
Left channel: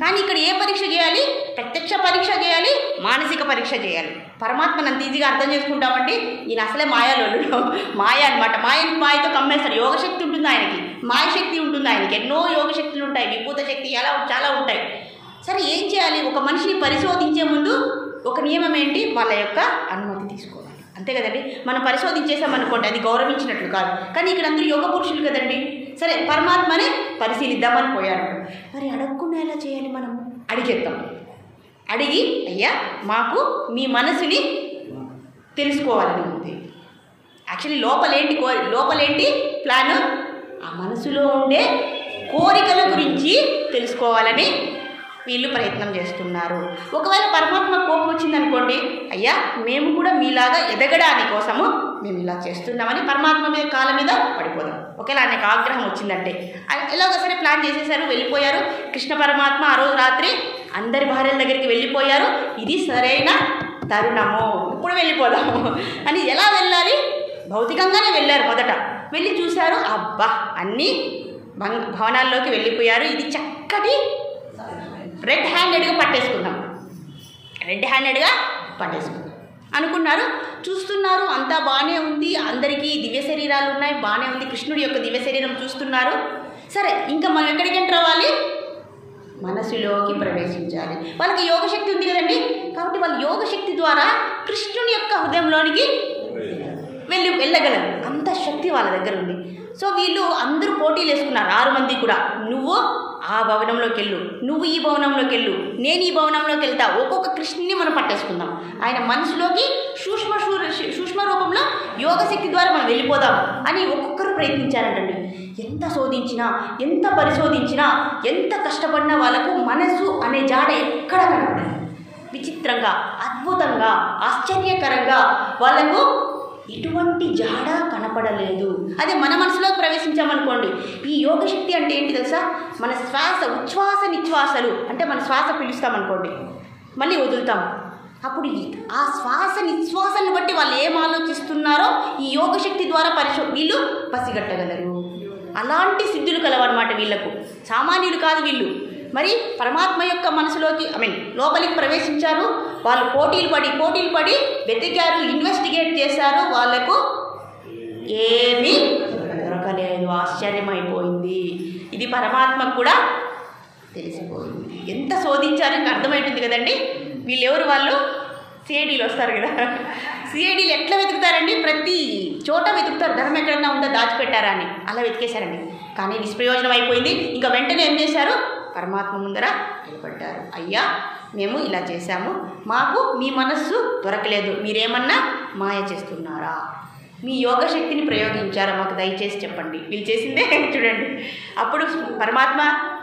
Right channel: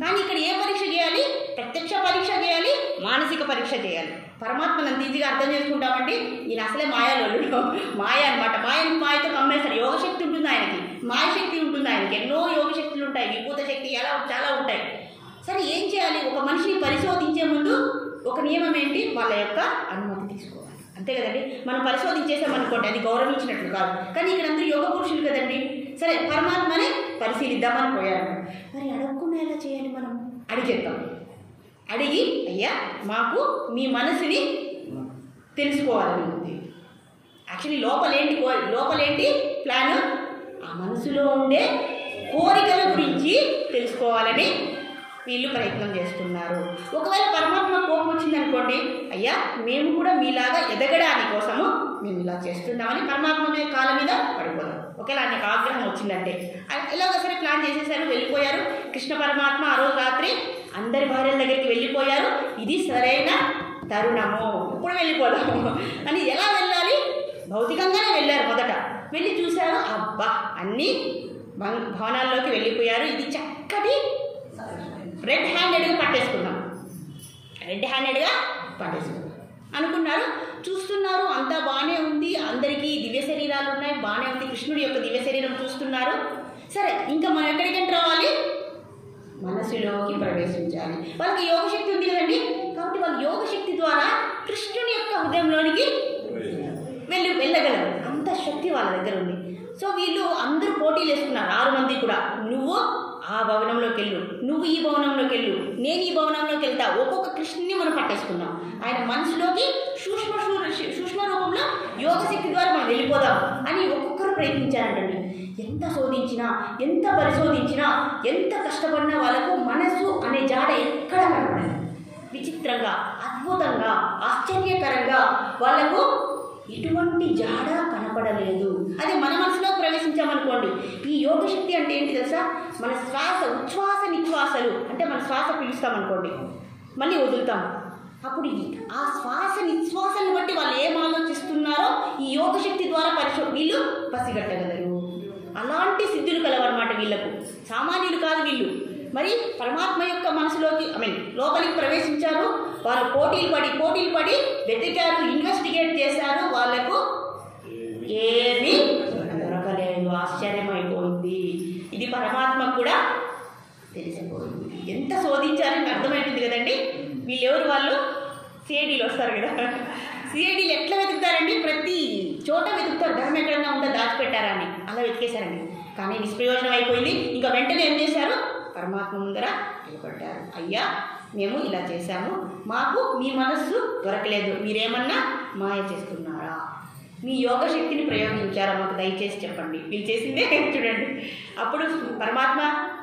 కానీ ఇక్కడ ఏ పరీక్ష చేయాలి? ప్రత్యక్ష పరీక్ష చేయాలి, మానసిక పరీక్ష చేయాలి. పరమాత్మను అంత ఈజీగా అర్థం చేసుకుంటామండి. ఈయన అసలే మాయాలోడు, మాయ అనమాట. మాయతో కమ్మేస్తాడు. యోగశక్తి ఉంటుంది ఆయనకి, మాయశక్తి ఉంటుంది ఆయనకి, ఎన్నో యోగశక్తులు ఉంటాయి, విభూత శక్తి ఎలా చాలా ఉంటాయి. సరే ఏం చేయాలి? ఒక మనిషిని పరిశోధించే ముందు ఒక నియమం ఏంటి? వాళ్ళ యొక్క అనుమతి తీసుకోవాలి, అంతే కదండి. మనం పరిశోధించేసామనుకోండి అది గౌరవించినట్లు కాదు. కానీ ఇక్కడ అందరూ యోగ పురుషులు కదండి. సరే పరమాత్మనే పరిశీలిద్దామని పోయారు. మరి అడగకుండా ఎలా చేయాలి? మనం అడిగేద్దాం. అడిగి అయ్యా మాకు మీ మనసుని తెలుసుకోవాలని ఉంది. యాక్చువల్లీ లోపలేంటి ప్లాను? ఆ మనసులో ఉండే కోరికల గురించి తెలుసుకోవాలని వీళ్ళు ప్రయత్నం చేస్తున్నారు. ఒకవేళ పరమాత్మ కోపం వచ్చిందనుకోండి, అయ్యా మేము కూడా మీలాగా ఎదగడాని కోసము మేము ఇలా చేస్తున్నామని పరమాత్మ మీద కాళ్ళ మీద పడిపోదాం. ఒకేలా ఆయనకు ఆగ్రహం వచ్చిందంటే ఎలాగో సరే ప్లాన్ చేసేసారు, వెళ్ళిపోయారు. కృష్ణ పరమాత్మ ఆ రోజు రాత్రి అందరి భార్యల దగ్గరికి వెళ్ళిపోయారు. ఇది సరైన తరుణము, ఇప్పుడు వెళ్ళిపోదాము అని. ఎలా వెళ్ళాలి? భౌతికంగానే వెళ్ళారు. మొదట వెళ్ళి చూశారు, అబ్బా అన్నీ భవనాల్లోకి వెళ్ళిపోయారు. ఇది చక్కటి రెడ్ హ్యాండెడ్గా పట్టేసుకున్నాం అనుకున్నారు. చూస్తున్నారు, అంతా బాగానే ఉంది, అందరికీ దివ్య శరీరాలు ఉన్నాయి, బాగానే ఉంది. కృష్ణుడి యొక్క దివ్య శరీరం చూస్తున్నారు. సరే ఇంకా మనం ఎక్కడికి ఎంటర్ అవ్వాలి? మనసులోకి ప్రవేశించాలి. వాళ్ళకి యోగశక్తి ఉంది కదండి, కాబట్టి వాళ్ళు యోగశక్తి ద్వారా కృష్ణుని యొక్క హృదయంలోనికి వెళ్ళగలరు. అంత శక్తి వాళ్ళ దగ్గర ఉంది. సో వీళ్ళు అందరూ పోటీలు వేసుకున్నారు, 6 మంది కూడా. నువ్వు ఆ భవనంలోకి వెళ్ళు, నువ్వు ఈ భవనంలోకి వెళ్ళు, నేను ఈ భవనంలోకి వెళ్తా. ఒక్కొక్క కృష్ణుని మనం పట్టేసుకుందాం. ఆయన మనసులోకి సూక్ష్మ రూపంలో యోగశక్తి ద్వారా మనం వెళ్ళిపోదాం అని ఒక్కొక్కరు ప్రయత్నించారంటండి. ఎంత శోధించినా, ఎంత పరిశోధించినా, ఎంత కష్టపడినా వాళ్ళకు మనసు అనే జాడ ఎక్కడ కనపడదు. విచిత్రంగా, అద్భుతంగా, ఆశ్చర్యకరంగా వాళ్ళకు ఎటువంటి జాడ కనపడలేదు. అదే మన మనసులో ప్రవేశించామనుకోండి, ఈ యోగశక్తి అంటే ఏంటి తెలుసా? మన శ్వాస ఉచ్ఛ్వాస నిశ్వాసలు అంటే మన శ్వాస పీలుస్తామనుకోండి, మళ్ళీ వదులుతాం. అప్పుడు ఆ శ్వాస నిశ్వాసను బట్టి వాళ్ళు ఏం ఆలోచిస్తున్నారో ఈ యోగశక్తి ద్వారా వీళ్ళు పసిగట్టగలరు. అలాంటి సిద్ధులు కలవన్నమాట వీళ్ళకు. సామాన్యులు కాదు వీళ్ళు. మరి పరమాత్మ యొక్క మనసులోకి లోపలికి ప్రవేశించారు. వాళ్ళు పోటీలు పడి వెతికారు, ఇన్వెస్టిగేట్ చేశారు. వాళ్ళకు ఏమీ దొరకలేదు. ఆశ్చర్యమైపోయింది. ఇది పరమాత్మకు కూడా తెలిసిపోయింది. ఎంత శోధించారని అర్థమవుతుంది కదండి. వీళ్ళెవరు? వాళ్ళు సిఐడీలు వస్తారు కదా. సిఐడీలు ఎట్లా వెతుకుతారండి? ప్రతి చోట వెతుకుతారు, ధర్మం ఎక్కడన్నా ఉందో దాచిపెట్టారా అని. అలా వెతికేశారండి. కానీ నిష్ప్రయోజనం అయిపోయింది. ఇంకా వెంటనే ఏం చేశారు? పరమాత్మ ముందర నిలబడ్డారు. అయ్యా మేము ఇలా చేశాము, మాకు మీ మనస్సు దొరకలేదు, మీరేమన్నా మాయ చేస్తున్నారా, మీ యోగశక్తిని ప్రయోగించారా, మాకు దయచేసి చెప్పండి. వీళ్ళు చేసిందే చూడండి. అప్పుడు పరమాత్మ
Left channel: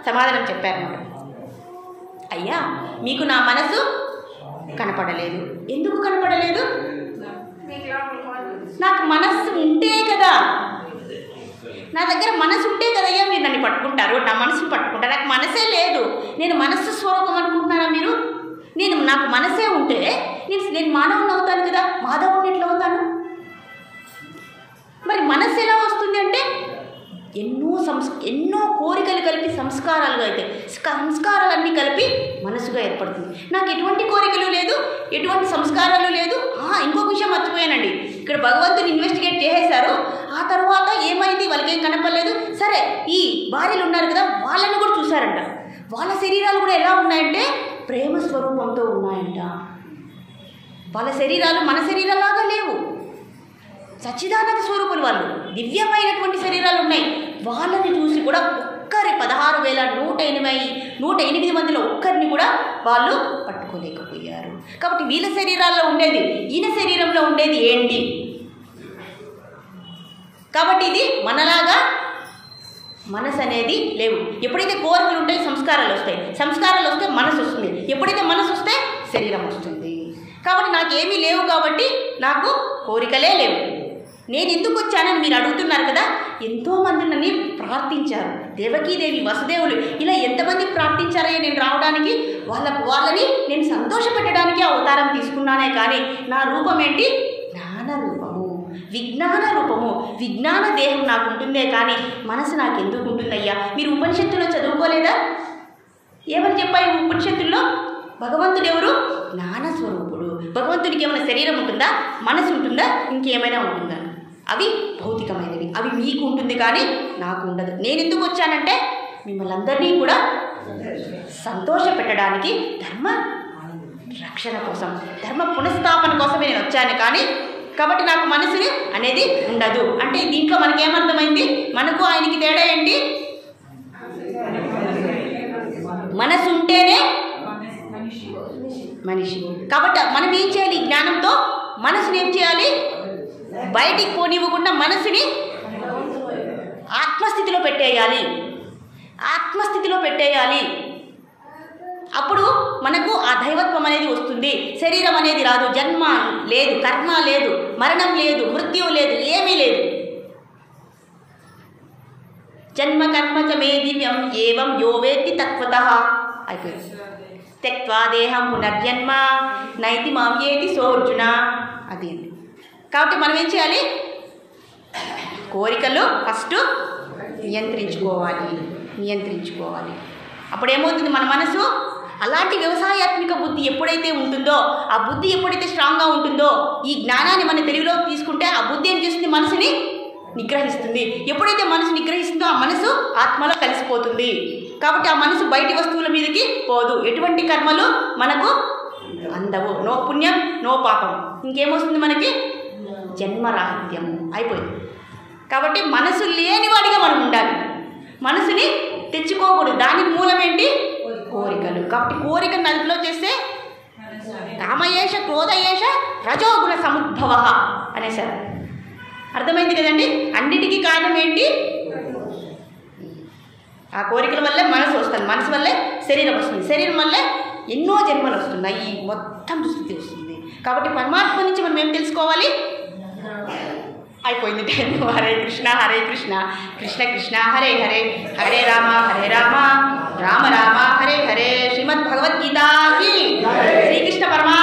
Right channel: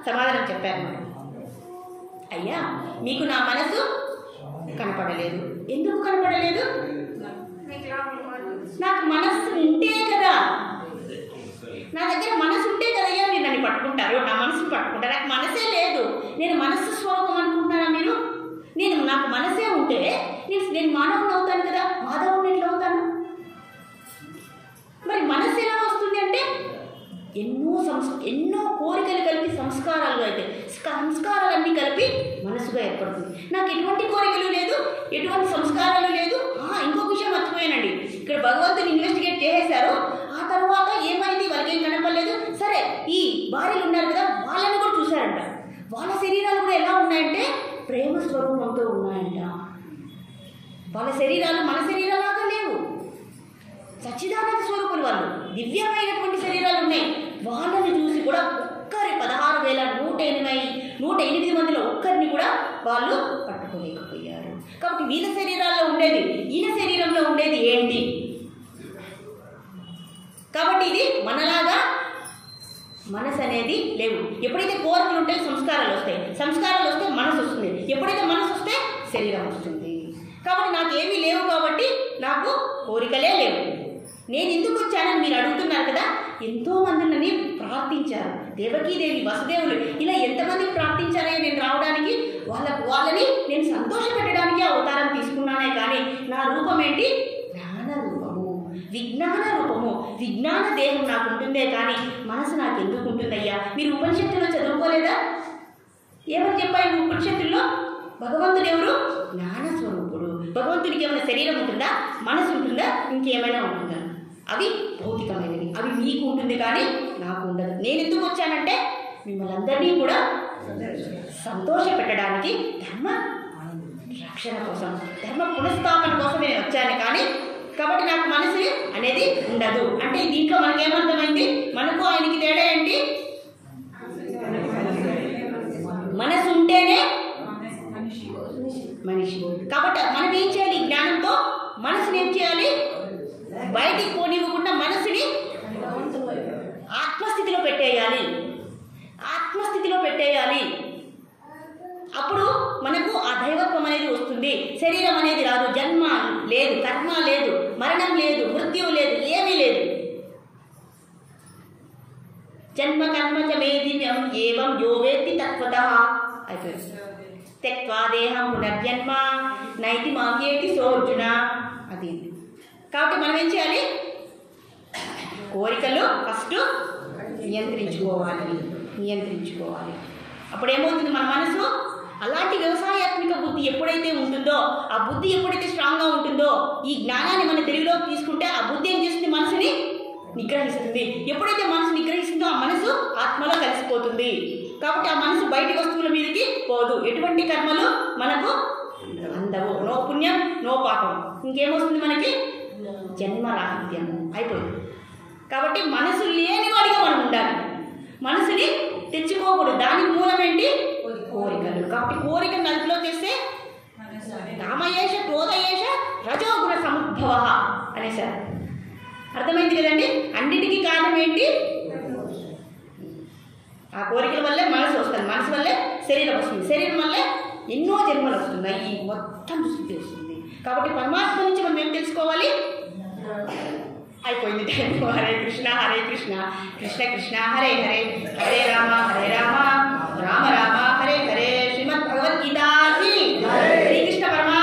సమాధానం చెప్పారన్నమాట. అయ్యా మీకు నా మనసు కనపడలేదు. ఎందుకు కనపడలేదు? నాకు మనస్సు ఉంటే కదా, నా దగ్గర మనసు ఉంటే కదయ్యా మీరు నన్ను పట్టుకుంటారు, నా మనసుని పట్టుకుంటారు. నాకు మనసే లేదు. నేను మనస్సు స్వరూపం అనుకుంటున్నారా మీరు? నాకు మనసే ఉంటే నేను మానవుని అవుతాను కదా, మాధవుని ఎట్లా అవుతాను? మరి మనస్సు ఎలా వస్తుంది అంటే ఎన్నో కోరికలు కలిపి సంస్కారాలుగా అయితే సంస్కారాలన్నీ కలిపి మనసుగా ఏర్పడుతుంది. నాకు ఎటువంటి కోరికలు లేదు, ఎటువంటి సంస్కారాలు లేదు. ఇంకొక విషయం మర్చిపోయానండి. ఇక్కడ భగవంతుని ఇన్వెస్టిగేట్ చేసేశారు. ఆ తర్వాత ఏమైంది? వాళ్ళకి ఏం కనపడలేదు. సరే ఈ భార్యలు ఉన్నారు కదా, వాళ్ళని కూడా చూశారంట. వాళ్ళ శరీరాలు కూడా ఎలా ఉన్నాయంటే ప్రేమ స్వరూపంతో ఉన్నాయంట. వాళ్ళ శరీరాలు మన శరీరాలాగా లేవు, సచ్చిదానంద స్వరూపులు వాళ్ళు. దివ్యమైనటువంటి శరీరాలు ఉన్నాయి. వాళ్ళని చూసి కూడా 16,108 మందిలో ఒక్కరిని కూడా వాళ్ళు పట్టుకోలేకపోయారు. కాబట్టి వీళ్ళ శరీరాల్లో ఉండేది ఈయన శరీరంలో ఉండేది ఏంటి? కాబట్టి ఇది మనలాగా మనసు అనేది లేవు. ఎప్పుడైతే కోరికలు ఉంటాయి సంస్కారాలు వస్తాయి, సంస్కారాలు వస్తే మనసు వస్తుంది, ఎప్పుడైతే మనసు వస్తే శరీరం వస్తుంది. కాబట్టి నాకేమీ లేవు, కాబట్టి నాకు కోరికలే లేవు. నేను ఎందుకు వచ్చానని మీరు అడుగుతున్నారు కదా. ఎంతోమంది నన్ను ప్రార్థించారు, దేవకీదేవి, వసుదేవులు, ఇలా ఎంతమంది ప్రార్థించారయ్యా నేను రావడానికి. వాళ్ళని నేను సంతోషపెట్టడానికి అవతారం తీసుకున్నానే కానీ నా రూపం ఏంటి? జ్ఞాన రూపము, విజ్ఞాన రూపము. విజ్ఞాన దేహం నాకు ఉంటుందే కానీ మనసు నాకు ఎందుకు ఉంటుందయ్యా? మీరు ఉపనిషత్తులో చదువుకోలేదా? ఏమని చెప్పాయి ఉపనిషత్తుల్లో? భగవంతుడు ఎవరు? జ్ఞాన స్వరూపుడు. భగవంతుడికి ఏమైనా శరీరం ఉంటుందా? మనసు ఉంటుందా? ఇంకేమైనా ఉంటుందా? అవి భౌతికమైనవి, అవి మీకు ఉంటుంది కానీ నాకు ఉండదు. నేను ఎందుకు వచ్చానంటే మిమ్మల్ని అందరినీ కూడా సంతోష పెట్టడానికి, ధర్మ రక్షణ కోసం, ధర్మ పునఃస్థాపన కోసమే నేను వచ్చాను కానీ. కాబట్టి నాకు మనసు అనేది ఉండదు. అంటే దీంట్లో మనకేమర్థమైంది? మనకు ఆయనకి తేడా ఏంటి? మనసు ఉంటేనే మనిషి. కాబట్టి మనం ఏం చేయాలి? జ్ఞానంతో మనసుని ఏం చేయాలి? బయటికి పోనివ్వకుండా మనసుని ఆత్మస్థితిలో పెట్టేయాలి, ఆత్మస్థితిలో పెట్టేయాలి. అప్పుడు మనకు ఆ దైవత్వం అనేది వస్తుంది. శరీరం అనేది రాదు, జన్మ లేదు, కర్మ లేదు, మరణం లేదు, మృత్యువు లేదు, ఏమీ లేదు. జన్మ కర్మ చ మే దివ్యం ఏవం యో వేత్తి తత్వతః అయిపోయింది. త్యక్త్వా దేహం పునర్జన్మ నైతి మాం ఏతి సోర్జున. అది. కాబట్టి మనం ఏం చేయాలి? కోరికలు ఫస్ట్ నియంత్రించుకోవాలి. అప్పుడేమవుతుంది? మన మనసు అలాంటి వ్యవసాయాత్మిక బుద్ధి ఎప్పుడైతే ఉంటుందో, ఆ బుద్ధి ఎప్పుడైతే స్ట్రాంగ్గా ఉంటుందో, ఈ జ్ఞానాన్ని మన తెలుగులోకి తీసుకుంటే ఆ బుద్ధి ఏం చేస్తుంది? మనసుని నిగ్రహిస్తుంది. ఎప్పుడైతే మనసు నిగ్రహిస్తుందో ఆ మనసు ఆత్మలో కలిసిపోతుంది. కాబట్టి ఆ మనసు బయటి వస్తువుల మీదకి పోదు. ఎటువంటి కర్మలు మనకు అందవు. నో పుణ్యం, నో పాపం. ఇంకేమొస్తుంది మనకి? జన్మరాహిత్యం అయిపోయింది. కాబట్టి మనసు లేనివాడిగా మనం ఉండాలి. మనసుని తెచ్చుకోకూడదు. దానికి మూలం ఏంటి? కోరికలు. కాబట్టి కోరికను అదుపులో చేస్తే కామయేష క్రోధయేష రజోగుణ సముద్భవ అనేసారు. అర్థమైంది కదండి? అన్నిటికీ కారణం ఏంటి? ఆ కోరికల వల్లే మనసు వస్తుంది, మనసు వల్లే శరీరం వస్తుంది, శరీరం వల్లే ఎన్నో జన్మలు వస్తున్నాయి, ఈ మొత్తం స్థితి వస్తుంది. కాబట్టి పరమాత్మ నుంచి మనం ఏం తెలుసుకోవాలి? అయిపోయింది టైం. హరే కృష్ణ కృష్ణ కృష్ణ హరే హరే, హరే రామ రామ రామ హరే హరే. శ్రీమద్ భగవద్గీత కి శ్రీకృష్ణ పరమా